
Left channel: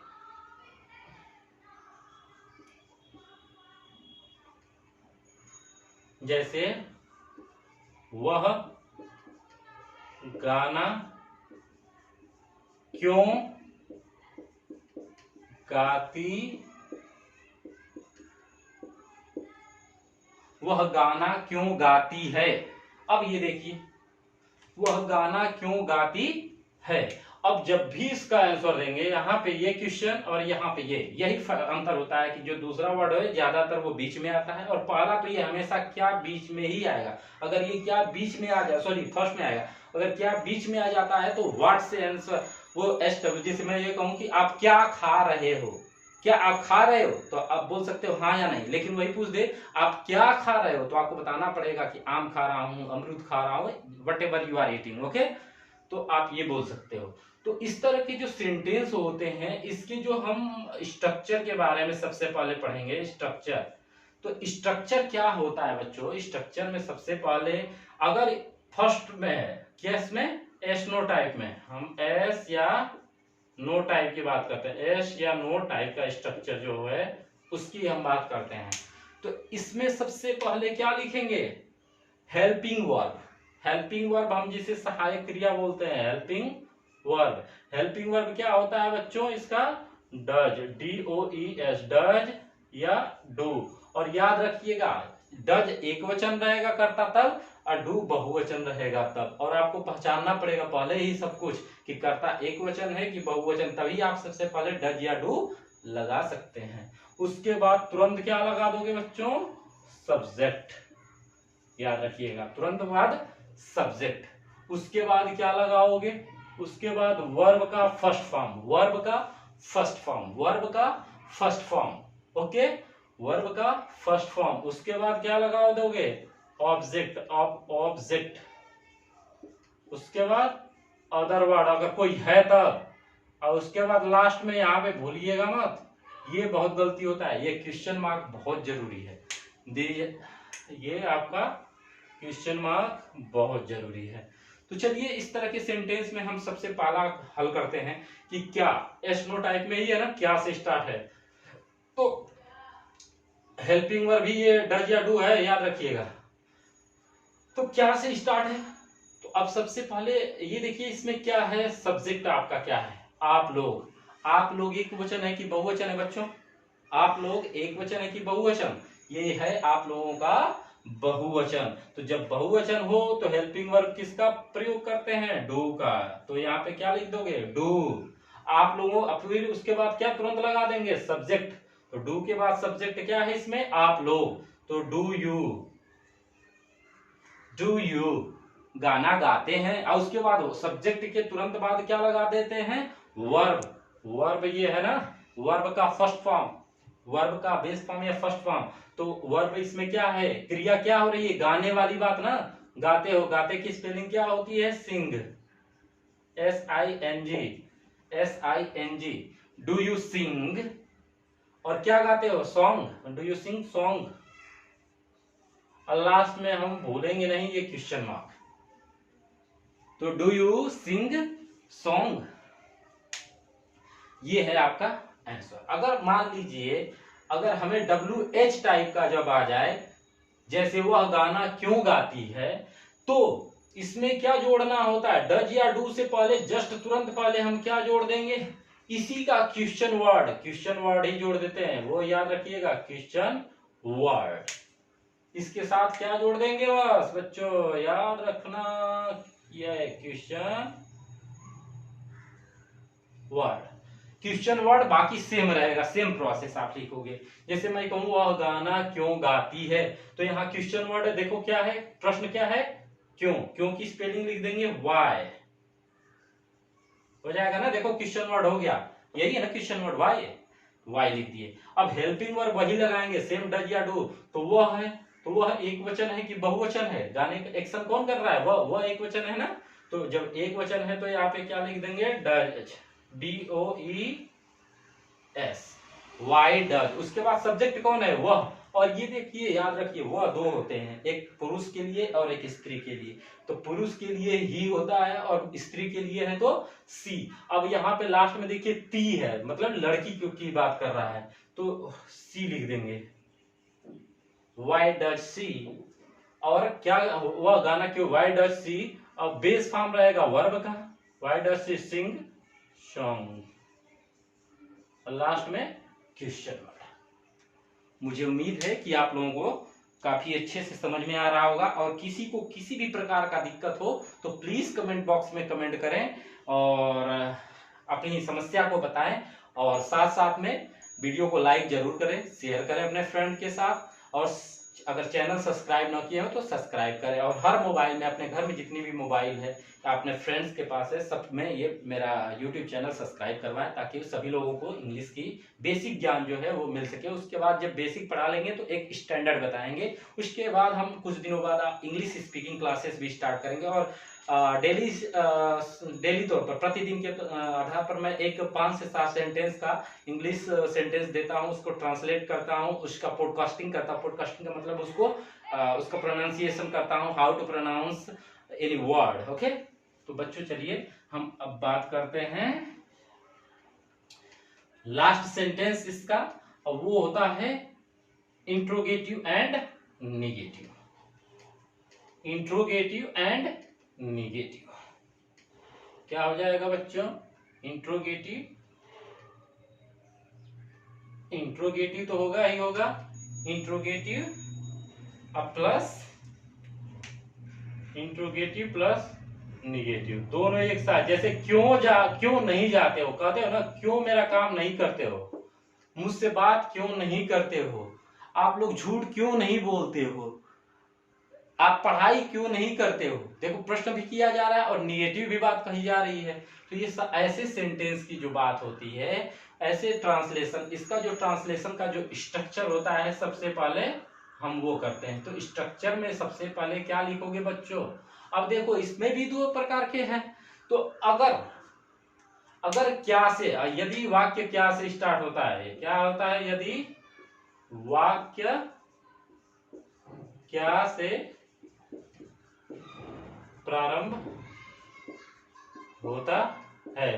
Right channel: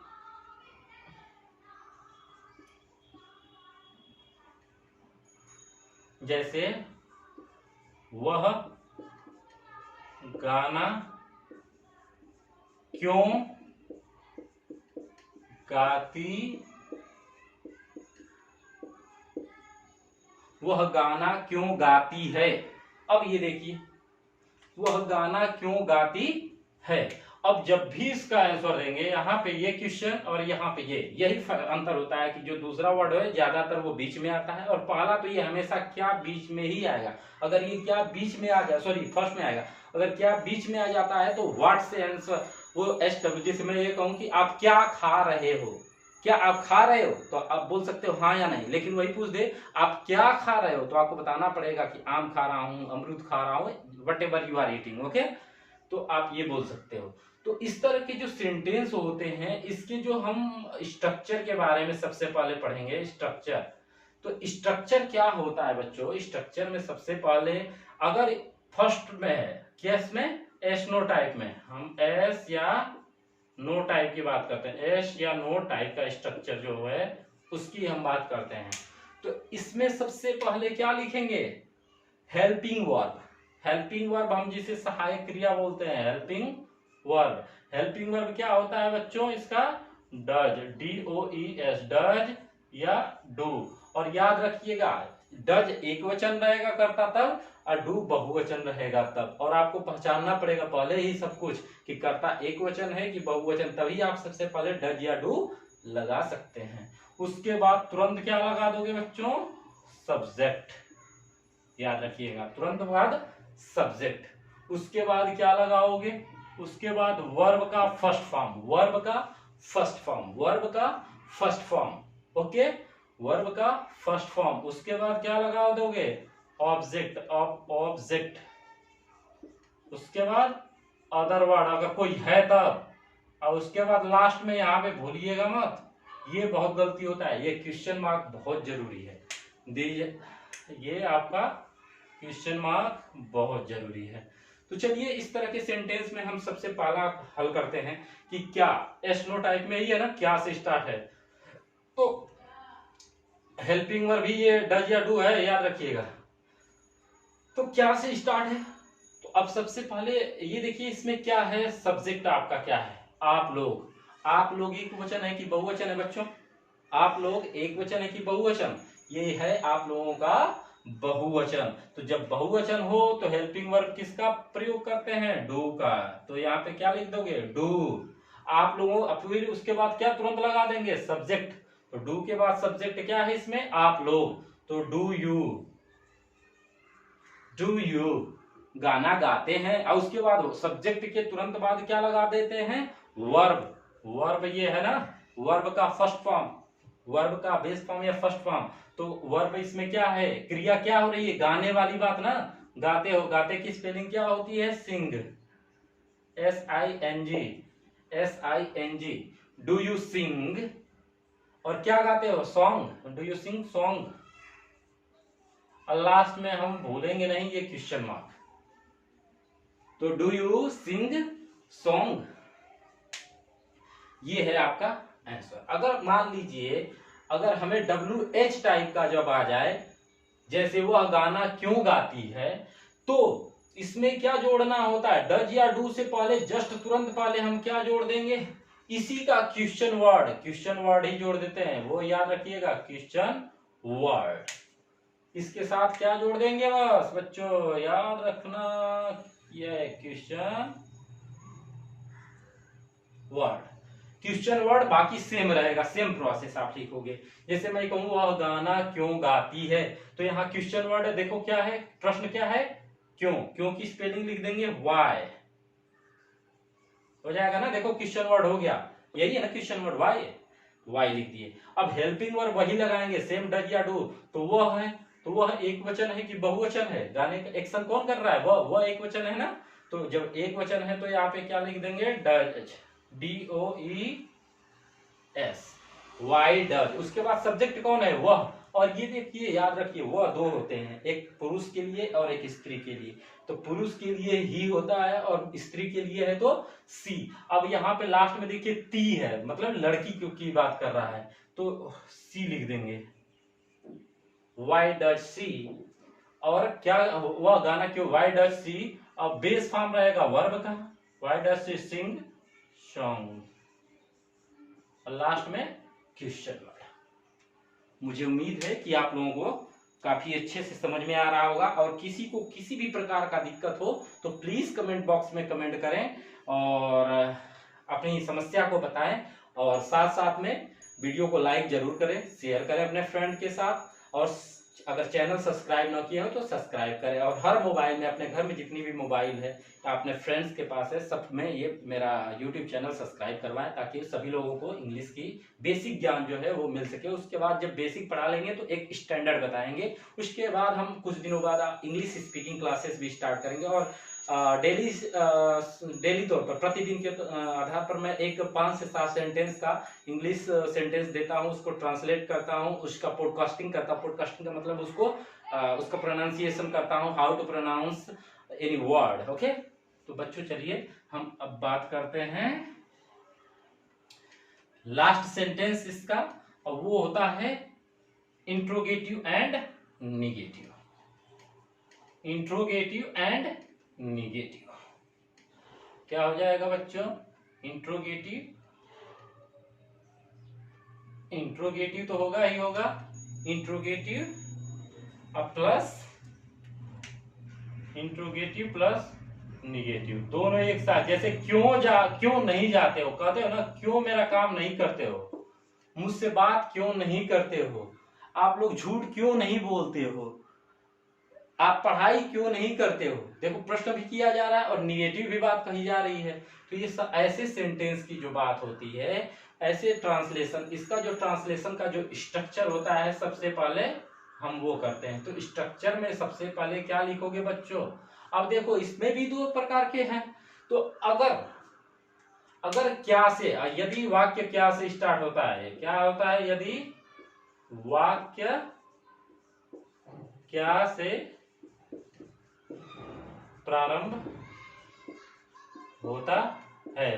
जैसे वह गाना क्यों गाती, वह गाना क्यों गाती है। अब ये देखिए, वह गाना क्यों गाती है। अब जब भी इसका आंसर देंगे, यहाँ पे ये क्वेश्चन और यहाँ पे ये, यही अंतर होता है कि जो दूसरा वर्ड है ज्यादातर वो बीच में आता है, और पहला तो ये हमेशा क्या बीच में ही आएगा। अगर ये क्या बीच में आ जाए, सॉरी फर्स्ट में आएगा, अगर क्या बीच में आ जाता है तो व्हाट से आंसर वो SW। जैसे मैं ये कहूँ कि आप क्या खा रहे हो, क्या आप खा रहे हो, तो आप बोल सकते हो हाँ या नहीं। लेकिन वही पूछ दे आप क्या खा रहे हो, तो आपको बताना पड़ेगा कि आम खा रहा हूँ, अमरूद खा रहा हूँ, whatever you are eating. Okay, तो आप ये बोल सकते हो। तो इस तरह के जो सेंटेंस होते हैं, इसके जो हम स्ट्रक्चर के बारे में सबसे पहले पढ़ेंगे। स्ट्रक्चर, तो स्ट्रक्चर क्या होता है बच्चों। स्ट्रक्चर में सबसे पहले अगर फर्स्ट में है, केस में एस नो टाइप में, हम एस या नो टाइप की बात करते हैं, एस या नो टाइप का स्ट्रक्चर जो है उसकी हम बात करते हैं। तो इसमें सबसे पहले क्या लिखेंगे, हेल्पिंग वर्ब। हेल्पिंग वर्ब हम जिसे सहायक क्रिया बोलते हैं, हेल्पिंग वर्ब। हेल्पिंग वर्ब क्या होता है बच्चों, इसका डज, DOES, डज या डू। और याद रखिएगा, डज एक वचन रहेगा कर्ता तब, और डू बहुवचन रहेगा तब। और आपको पहचानना पड़ेगा पहले ही सब कुछ कि कर्ता एक वचन है कि बहुवचन, तभी आप सबसे पहले डज या डू लगा सकते हैं। उसके बाद तुरंत क्या लगा दोगे बच्चों, सब्जेक्ट। याद रखिएगा, तुरंत बाद सब्जेक्ट। उसके बाद क्या लगाओगे, उसके बाद वर्ब का फर्स्ट फॉर्म, वर्ब का फर्स्ट फॉर्म, वर्ब का फर्स्ट फॉर्म। ओके, वर्ब का फर्स्ट फॉर्म। उसके बाद क्या लगा दोगे, ऑब्जेक्ट, ऑब्जेक्ट। उसके बाद अदर वर्ड अगर कोई है तब, और उसके बाद लास्ट में यहाँ पे भूलिएगा मत, ये बहुत गलती होता है, ये क्वेश्चन मार्क बहुत जरूरी है। ये आपका क्वेश्चन मार्क बहुत जरूरी है। तो चलिए इस तरह के सेंटेंस में हम सबसे पहला हल करते हैं कि क्या, एस नो टाइप में ही है ना, क्या से स्टार्ट है। तो हेल्पिंग वर्ब भी ये डज या डू है, याद रखिएगा। तो क्या से स्टार्ट है, तो अब सबसे पहले ये देखिए इसमें क्या है, सब्जेक्ट आपका क्या है, आप लोग। आप लोग एक वचन है कि बहुवचन है बच्चों, आप लोग एक वचन है कि बहुवचन, ये है आप लोगों का बहुवचन। तो जब बहुवचन हो तो हेल्पिंग वर्ब किसका प्रयोग करते हैं, डू का। तो यहाँ पे क्या लिख दोगे, डू। आप लोगों, फिर उसके बाद क्या तुरंत लगा देंगे, सब्जेक्ट। तो डू के बाद सब्जेक्ट क्या है इसमें, आप लोग। तो डू यू, डू यू गाना गाते हैं। और उसके बाद सब्जेक्ट के तुरंत बाद क्या लगा देते हैं, वर्ब। वर्ब ये है ना, वर्ब का फर्स्ट फॉर्म, वर्ब का बेस फॉर्म या फर्स्ट फॉर्म। तो वर्ब इसमें क्या है, क्रिया क्या हो रही है, गाने वाली बात ना, गाते हो। गाते की स्पेलिंग क्या होती है, सिंग, SING, SING। Do you sing, और क्या गाते हो, song, do you sing song. और लास्ट में हम भूलेंगे नहीं ये क्वेश्चन मार्क। तो डू यू सिंग सॉन्ग, ये है आपका आंसर। अगर मान लीजिए अगर हमें WH टाइप का जब आ जाए, जैसे वह गाना क्यों गाती है, तो इसमें क्या जोड़ना होता है, डज या डू से पहले जस्ट तुरंत पहले हम क्या जोड़ देंगे, इसी का क्वेश्चन वर्ड, क्वेश्चन वर्ड ही जोड़ देते हैं, वो याद रखिएगा, क्वेश्चन वर्ड। इसके साथ क्या जोड़ देंगे, बस बच्चों याद रखना, ये क्वेश्चन वर्ड। क्वेश्चन वर्ड बाकी सेम रहेगा, सेम प्रोसेस आप लिखोगे। जैसे मैं कहूँ वह गाना क्यों गाती है, तो यहाँ क्वेश्चन वर्ड देखो क्या है, प्रश्न क्या है, क्यों। क्यों की स्पेलिंग लिख देंगे वाई, हो जाएगा ना। देखो क्वेश्चन वर्ड हो गया, यही है ना क्वेश्चन वर्ड, वाई, वाई लिख दिए। अब हेल्पिंग वर्ड वही लगाएंगे, सेम डज या डू। तो वह है, तो वह एक वचन है कि बहुवचन है, गाने का एक्शन कौन कर रहा है, वह एक वचन है ना। तो जब एक वचन है तो यहाँ पे क्या लिख देंगे, डज, DOES, वाई डज। उसके बाद सब्जेक्ट कौन है, वह। और ये देखिए याद रखिए, वह दो होते हैं, एक पुरुष के लिए और एक स्त्री के लिए। तो पुरुष के लिए ही होता है और स्त्री के लिए है तो सी। अब यहाँ पे लास्ट में देखिए ती है, मतलब लड़की की बात कर रहा है, तो सी लिख देंगे, वाई डज सी। और क्या वह गाना क्यों, वाई डज सी, अब बेस फॉर्म रहेगा वर्ब का, why does she sing song, और लास्ट में क्वेश्चन वर्ड। मुझे उम्मीद है कि आप लोगों को काफी अच्छे से समझ में आ रहा होगा, और किसी को किसी भी प्रकार का दिक्कत हो तो प्लीज कमेंट बॉक्स में कमेंट करें और अपनी समस्या को बताएं, और साथ साथ में वीडियो को लाइक जरूर करें, शेयर करें अपने फ्रेंड के साथ, और अगर चैनल सब्सक्राइब ना किए हो तो सब्सक्राइब करें, और हर मोबाइल में, अपने घर में जितनी भी मोबाइल है या अपने फ्रेंड्स के पास है, सब में ये मेरा यूट्यूब चैनल सब्सक्राइब करवाएं, ताकि सभी लोगों को इंग्लिश की बेसिक ज्ञान जो है वो मिल सके। उसके बाद जब बेसिक पढ़ा लेंगे तो एक स्टैंडर्ड बताएंगे, उसके बाद हम कुछ दिनों बाद इंग्लिश स्पीकिंग क्लासेस भी स्टार्ट करेंगे, और डेली तौर पर प्रतिदिन के आधार पर मैं एक 5 से 7 सेंटेंस का इंग्लिश सेंटेंस देता हूं, उसको ट्रांसलेट करता हूं, उसका पॉडकास्टिंग करता हूं। पॉडकास्टिंग का मतलब उसका प्रोनाउंसिएशन करता हूं, how to pronounce any word. Okay, तो बच्चों चलिए हम अब बात करते हैं लास्ट सेंटेंस इसका, और वो होता है interrogative and negative. Interrogative and negative क्या हो जाएगा बच्चों, इंट्रोगेटिव तो होगा ही होगा, इंट्रोगेटिव प्लस निगेटिव, दोनों एक साथ। जैसे क्यों नहीं जाते हो, कहते हो ना क्यों मेरा काम नहीं करते हो, मुझसे बात क्यों नहीं करते हो, आप लोग झूठ क्यों नहीं बोलते हो, आप पढ़ाई क्यों नहीं करते हो। देखो प्रश्न भी किया जा रहा है और निगेटिव भी बात कही जा रही है। तो ये ऐसे सेंटेंस की जो बात होती है, ऐसे ट्रांसलेशन, इसका जो ट्रांसलेशन का जो स्ट्रक्चर होता है, सबसे पहले हम वो करते हैं। तो स्ट्रक्चर में सबसे पहले क्या लिखोगे बच्चों, अब देखो इसमें भी 2 प्रकार के हैं। तो अगर क्या से, यदि वाक्य क्या से स्टार्ट होता है, क्या होता है, यदि वाक्य क्या से प्रारंभ होता है,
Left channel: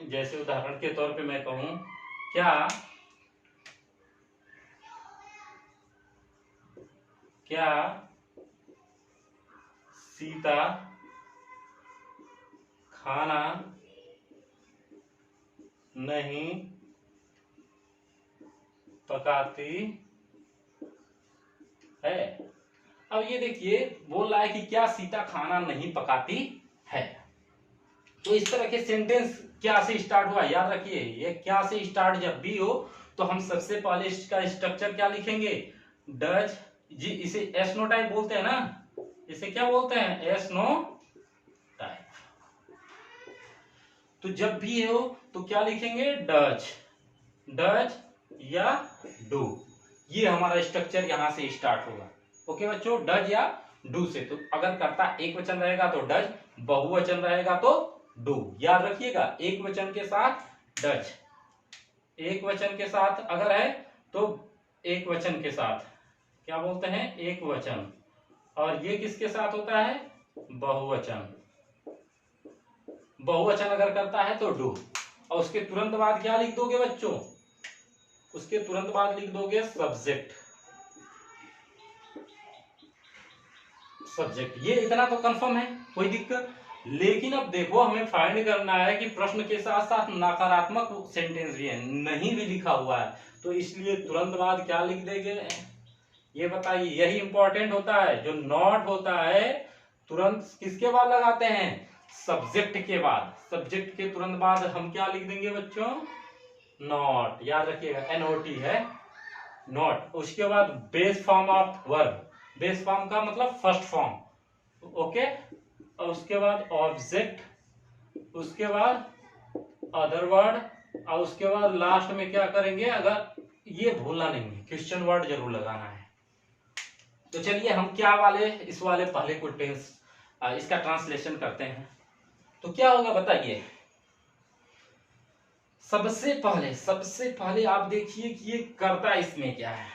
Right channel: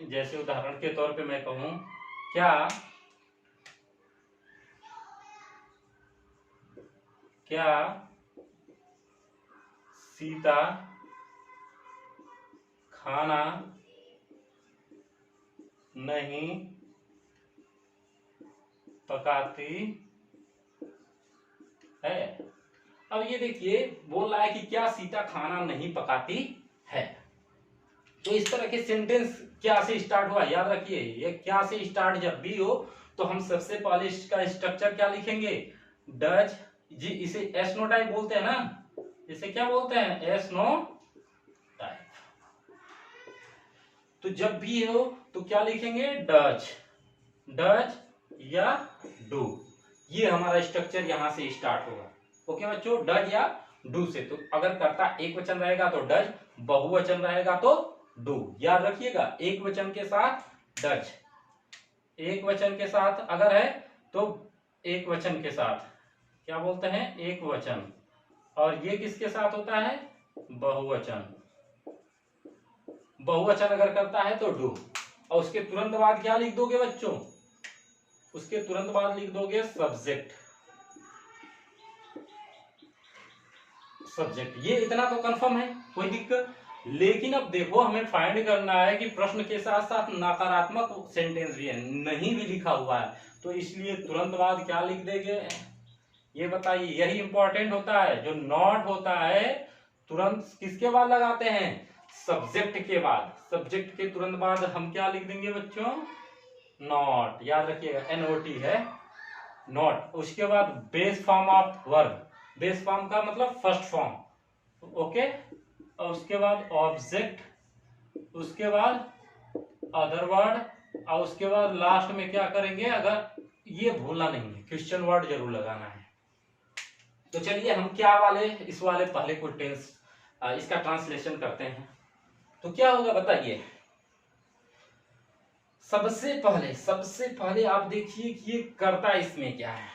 जैसे उदाहरण के तौर पे मैं कहूं, क्या सीता खाना नहीं पकाती है। अब ये देखिए बोल रहा है कि क्या सीता खाना नहीं पकाती है। तो इस तरह के सेंटेंस क्या से स्टार्ट हुआ, याद रखिए, ये क्या से स्टार्ट जब भी हो तो हम सबसे पहले इसका स्ट्रक्चर क्या लिखेंगे, डज जी, इसे एस नो टाइप बोलते हैं ना, इसे क्या बोलते हैं, एस नो टाइप। तो जब भी हो तो क्या लिखेंगे, डज या डू, ये हमारा स्ट्रक्चर यहां से स्टार्ट होगा। ओके बच्चों, डज या डू से। तो अगर कर्ता एक वचन रहेगा तो डज, बहुवचन रहेगा तो डू। याद रखिएगा, एक वचन के साथ डज, एक वचन के साथ अगर है तो एक वचन के साथ क्या बोलते हैं, एक वचन, और ये किसके साथ होता है, बहुवचन। बहुवचन अगर करता है तो डू, और उसके तुरंत बाद क्या लिख दोगे बच्चों, उसके तुरंत बाद लिख दोगे सब्जेक्ट। ये इतना तो कंफर्म है, कोई दिक्कत। लेकिन अब देखो हमें फाइंड करना है कि प्रश्न के साथ साथ नकारात्मक सेंटेंस भी है, नहीं भी लिखा हुआ है, तो इसलिए तुरंत बाद क्या लिख देंगे, ये बताइए। यही इंपॉर्टेंट होता है, जो नॉट होता है तुरंत किसके बाद लगाते हैं, सब्जेक्ट के बाद। सब्जेक्ट के तुरंत बाद हम क्या लिख देंगे बच्चों, नॉट। याद रखिएगा, NOT है, नॉट। उसके बाद base form of verb, base form का मतलब फर्स्ट फॉर्म, ओके। और उसके बाद ऑब्जेक्ट, उसके बाद अदर वर्ड, और उसके बाद लास्ट में क्या करेंगे, अगर ये भूलना नहीं है, क्वेश्चन वर्ड जरूर लगाना है। तो चलिए हम क्या वाले, इस वाले पहले को टेंस इसका ट्रांसलेशन करते हैं। तो क्या होगा बताइए, सबसे पहले आप देखिए कि ये कर्ता इसमें क्या है,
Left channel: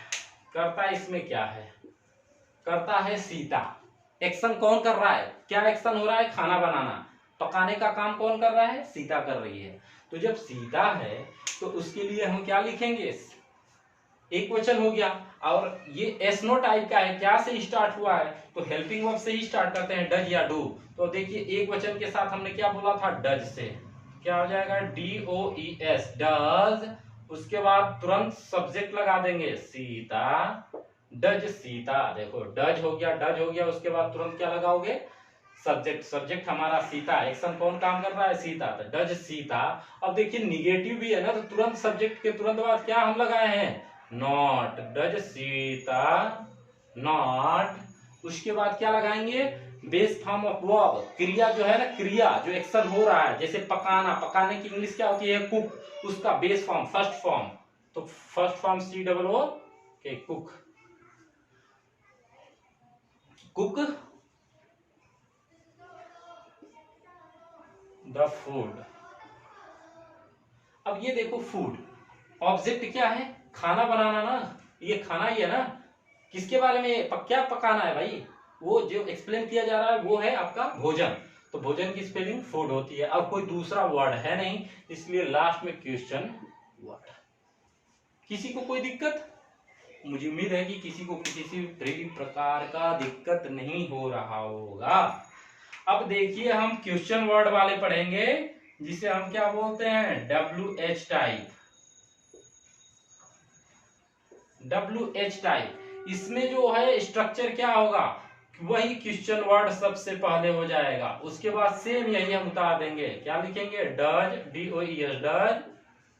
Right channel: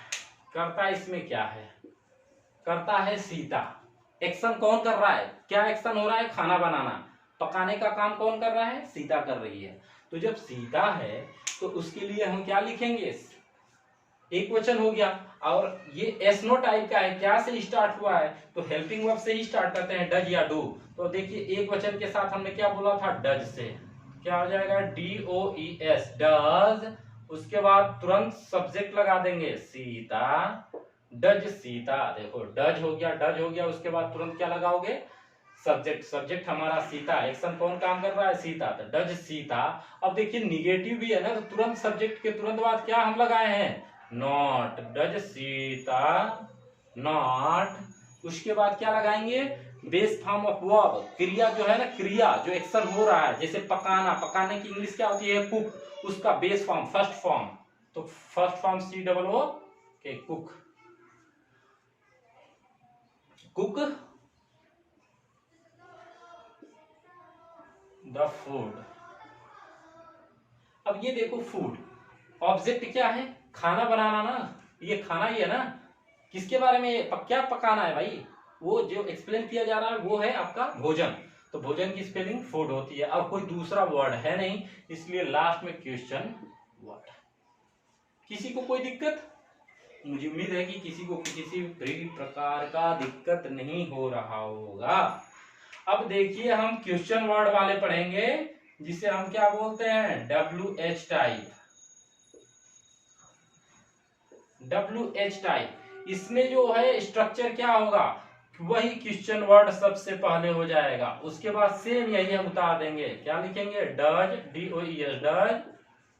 करता है सीता। एक्शन कौन कर रहा है, क्या एक्शन हो रहा है, खाना बनाना, पकाने का काम कौन कर रहा है, सीता कर रही है। तो जब सीता है तो उसके लिए हम क्या लिखेंगे, एक वचन हो गया। और ये एस नो टाइप का है, क्या से स्टार्ट हुआ है, तो हेल्पिंग वर्ब से ही स्टार्ट करते हैं, डज या डू। तो देखिए एक वचन के साथ हमने क्या बोला था, डज से क्या हो जाएगा, DOES डज। उसके बाद तुरंत सब्जेक्ट लगा देंगे सीता, डज सीता। देखो डज हो गया, डज हो गया, उसके बाद तुरंत क्या लगाओगे, सब्जेक्ट। सब्जेक्ट हमारा सीता, एक्शन कौन काम कर रहा है, सीता, तो डज सीता। अब देखिए निगेटिव भी है ना, तो तुरंत सब्जेक्ट के तुरंत बाद क्या हम लगाए हैं, नॉट, डज सीता नॉट। उसके बाद क्या लगाएंगे, बेस फॉर्म ऑफ वर्ब, क्रिया जो है ना, क्रिया जो एक्शन हो रहा है, जैसे पकाना, पकाने की इंग्लिश क्या होती है, कुक, उसका बेस फॉर्म फर्स्ट फॉर्म, तो फर्स्ट फॉर्म COO के कुक, कुक द फूड। अब ये देखो फूड, ऑब्जेक्ट क्या है, खाना बनाना ना, ये खाना ही है ना। किसके बारे में क्या पकाना है भाई, वो जो एक्सप्लेन किया जा रहा है वो है आपका भोजन। तो भोजन की स्पेलिंग फूड होती है। अब कोई दूसरा वर्ड है नहीं, इसलिए लास्ट में क्वेश्चन वर्ड। किसी को कोई दिक्कत, मुझे उम्मीद है कि किसी को किसी भी प्रकार का दिक्कत नहीं हो रहा होगा। अब देखिए हम क्वेश्चन वर्ड वाले पढ़ेंगे, जिसे हम क्या बोलते हैं, WH टाइप। WH टाइप, इसमें जो है स्ट्रक्चर क्या होगा, वही क्वेश्चन वर्ड सबसे पहले हो जाएगा। उसके बाद सेम यही हम उतार देंगे, क्या लिखेंगे, डज, DOES डज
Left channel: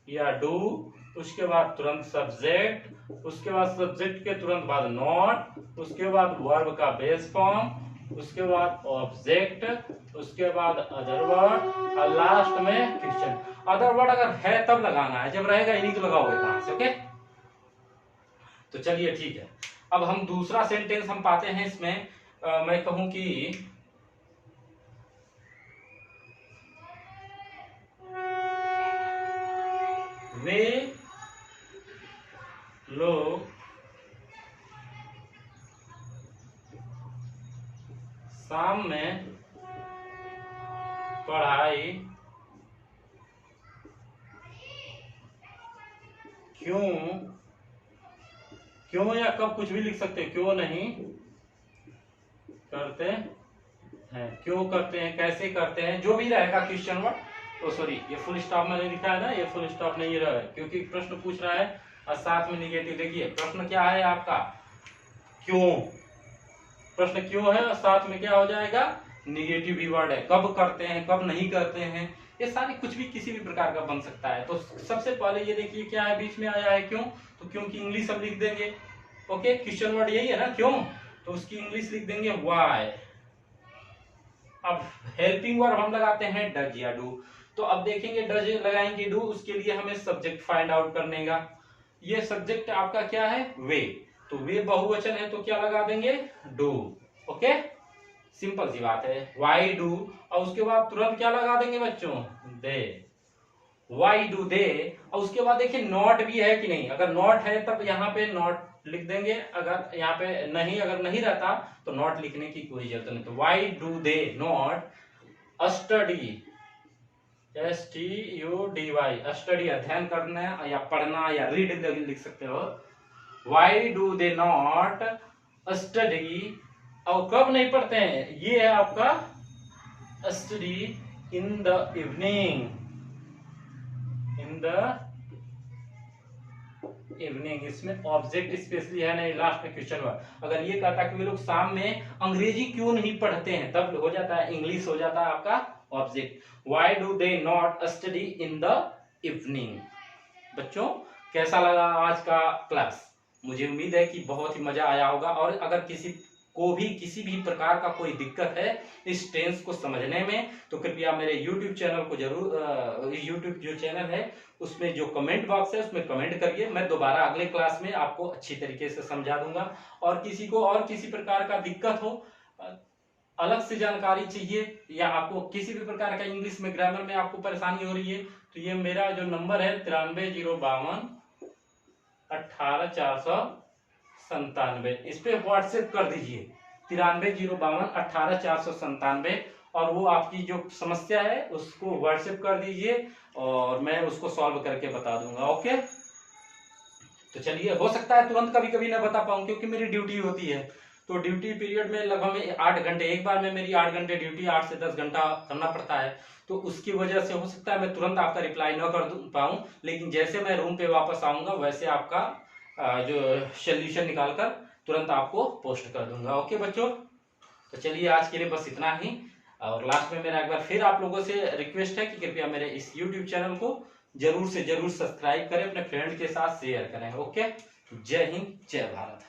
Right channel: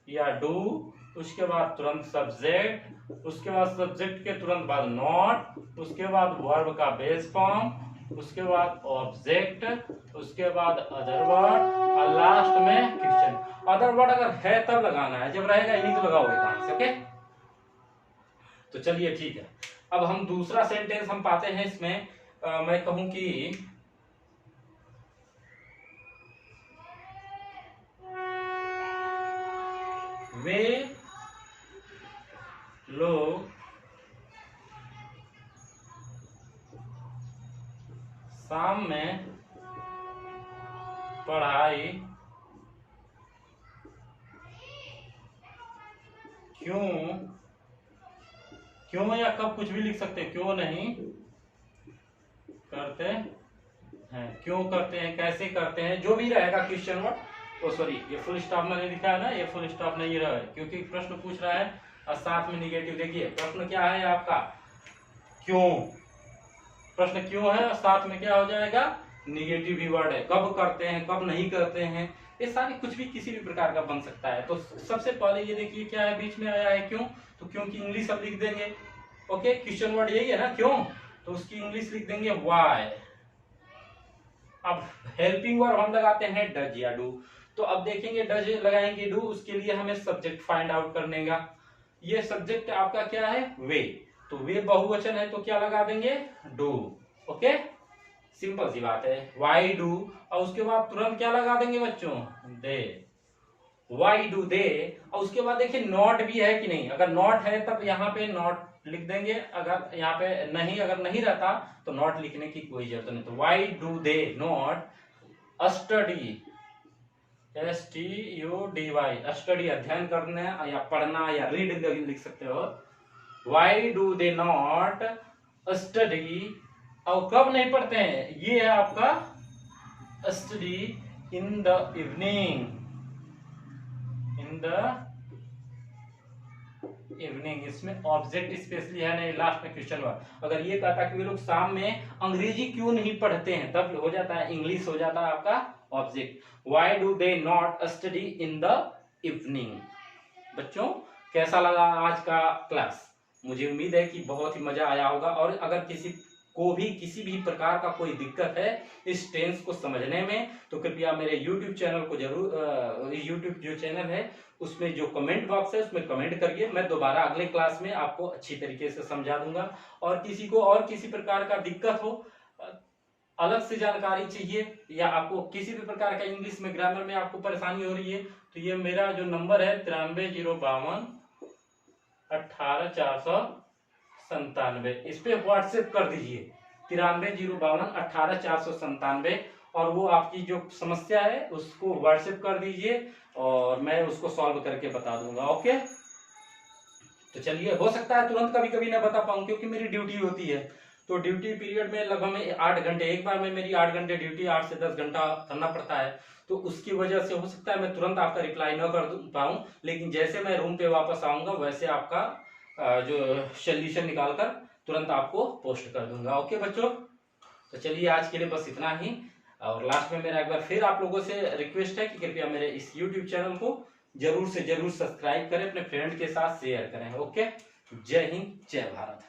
या डू। उसके बाद तुरंत सब्जेक्ट, उसके बाद सब्जेक्ट के तुरंत बाद नॉट, उसके बाद वर्ब का बेस फॉर्म, उसके बाद ऑब्जेक्ट, उसके बाद अदर वर्ड, और लास्ट में क्वेश्चन। अदर वर्ड अगर है तब लगाना है, जब रहेगा ही नहीं तो लगाओगे कहां से, ओके। तो चलिए ठीक है, अब हम दूसरा सेंटेंस हम पाते हैं इसमें। मैं कहूं कि वे लोग शाम में पढ़ाई क्यों, क्यों या कब कुछ भी लिख सकते हैं, क्यों नहीं करते हैं, क्यों करते हैं, कैसे करते हैं, जो भी रहेगा क्वेश्चन वर्ड। तो सॉरी, ये फुल स्टॉप मैंने लिखा है ना, ये फुल स्टॉप नहीं रहा है, क्योंकि प्रश्न पूछ रहा है और साथ में निगेटिव। देखिए प्रश्न क्या है आपका, क्यों, प्रश्न क्यों है और साथ में क्या हो जाएगा, निगेटिव भी वर्ड है, कब करते हैं, कब नहीं करते हैं, ये सारे कुछ भी किसी भी प्रकार का बन सकता है। तो सबसे पहले ये देखिए क्या है, बीच में आया है क्यों, तो क्यों की इंग्लिश हम लिख देंगे, ओके। क्वेश्चन वर्ड यही है ना क्यों, तो उसकी इंग्लिश लिख देंगे व्हाई। अब हेल्पिंग वर्ब हम लगाते हैं डज या डू। तो अब देखेंगे डज लगाएंगे, डू, उसके लिए हमें सब्जेक्ट फाइंड आउट करने का। ये सब्जेक्ट आपका क्या है, वे, तो वे बहुवचन है तो क्या लगा देंगे, डू, ओके। सिंपल सी बात है, वाई डू, और उसके बाद तुरंत क्या लगा देंगे बच्चों, दे, वाई डू दे। और उसके बाद देखिए नॉट भी है कि नहीं, अगर नॉट है तब यहाँ पे नॉट लिख देंगे, अगर यहाँ पे नहीं, अगर नहीं रहता तो नॉट लिखने की कोई जरूरत नहीं। तो why do they not study, STUDY, study अध्ययन करना या पढ़ना या रीड लिख सकते हो। Why do they not study, और कब नहीं पढ़ते हैं, ये है आपका study in the evening, in the evening. इसमें ऑब्जेक्ट स्पेशली है नहीं, लास्ट में क्वेश्चन वर्ड। अगर ये कहता कि वे लोग शाम में अंग्रेजी क्यों नहीं पढ़ते हैं, तब हो जाता है इंग्लिश, हो जाता है आपका object. Why do they not study in the evening. बच्चों कैसा लगा आज का क्लास, मुझे उम्मीद है कि बहुत ही मजा आया होगा। और अगर किसी को भी किसी भी प्रकार का कोई दिक्कत है इस टेंस को समझने में, तो कृपया मेरे YouTube चैनल को जरूर, YouTube जो चैनल है उसमें जो कमेंट बॉक्स है उसमें कमेंट करिए, मैं दोबारा अगले क्लास में आपको अच्छी तरीके से समझा दूंगा। और किसी को और किसी प्रकार का दिक्कत हो, अलग से जानकारी चाहिए, या आपको किसी भी प्रकार का इंग्लिश में ग्रामर में आपको परेशानी हो रही है, तो ये मेरा जो नंबर है 93 052 18 497, इस पे व्हाट्सएप कर दीजिए 93 052 18 497, और वो आपकी जो समस्या है उसको व्हाट्सएप कर दीजिए और मैं उसको सॉल्व करके बता दूंगा, ओके। तो चलिए, हो सकता है तुरंत कभी कभी ना बता पाऊँ क्योंकि मेरी ड्यूटी होती है, तो ड्यूटी पीरियड में लगभग 8 घंटे, एक बार में मेरी 8 घंटे ड्यूटी, 8 से 10 घंटा करना पड़ता है, तो उसकी वजह से हो सकता है मैं तुरंत आपका रिप्लाई न कर पाऊँ, लेकिन जैसे मैं रूम पे वापस आऊँगा वैसे आपका जो सोल्यूशन निकाल कर तुरंत आपको पोस्ट कर दूंगा। ओके बच्चों, तो चलिए आज के लिए बस इतना ही। और लास्ट में मेरा एक बार फिर आप लोगों से रिक्वेस्ट है कि कृपया मेरे इस यूट्यूब चैनल को जरूर से जरूर सब्सक्राइब करें, अपने फ्रेंड के साथ शेयर करें। ओके, जय हिंद, जय भारत।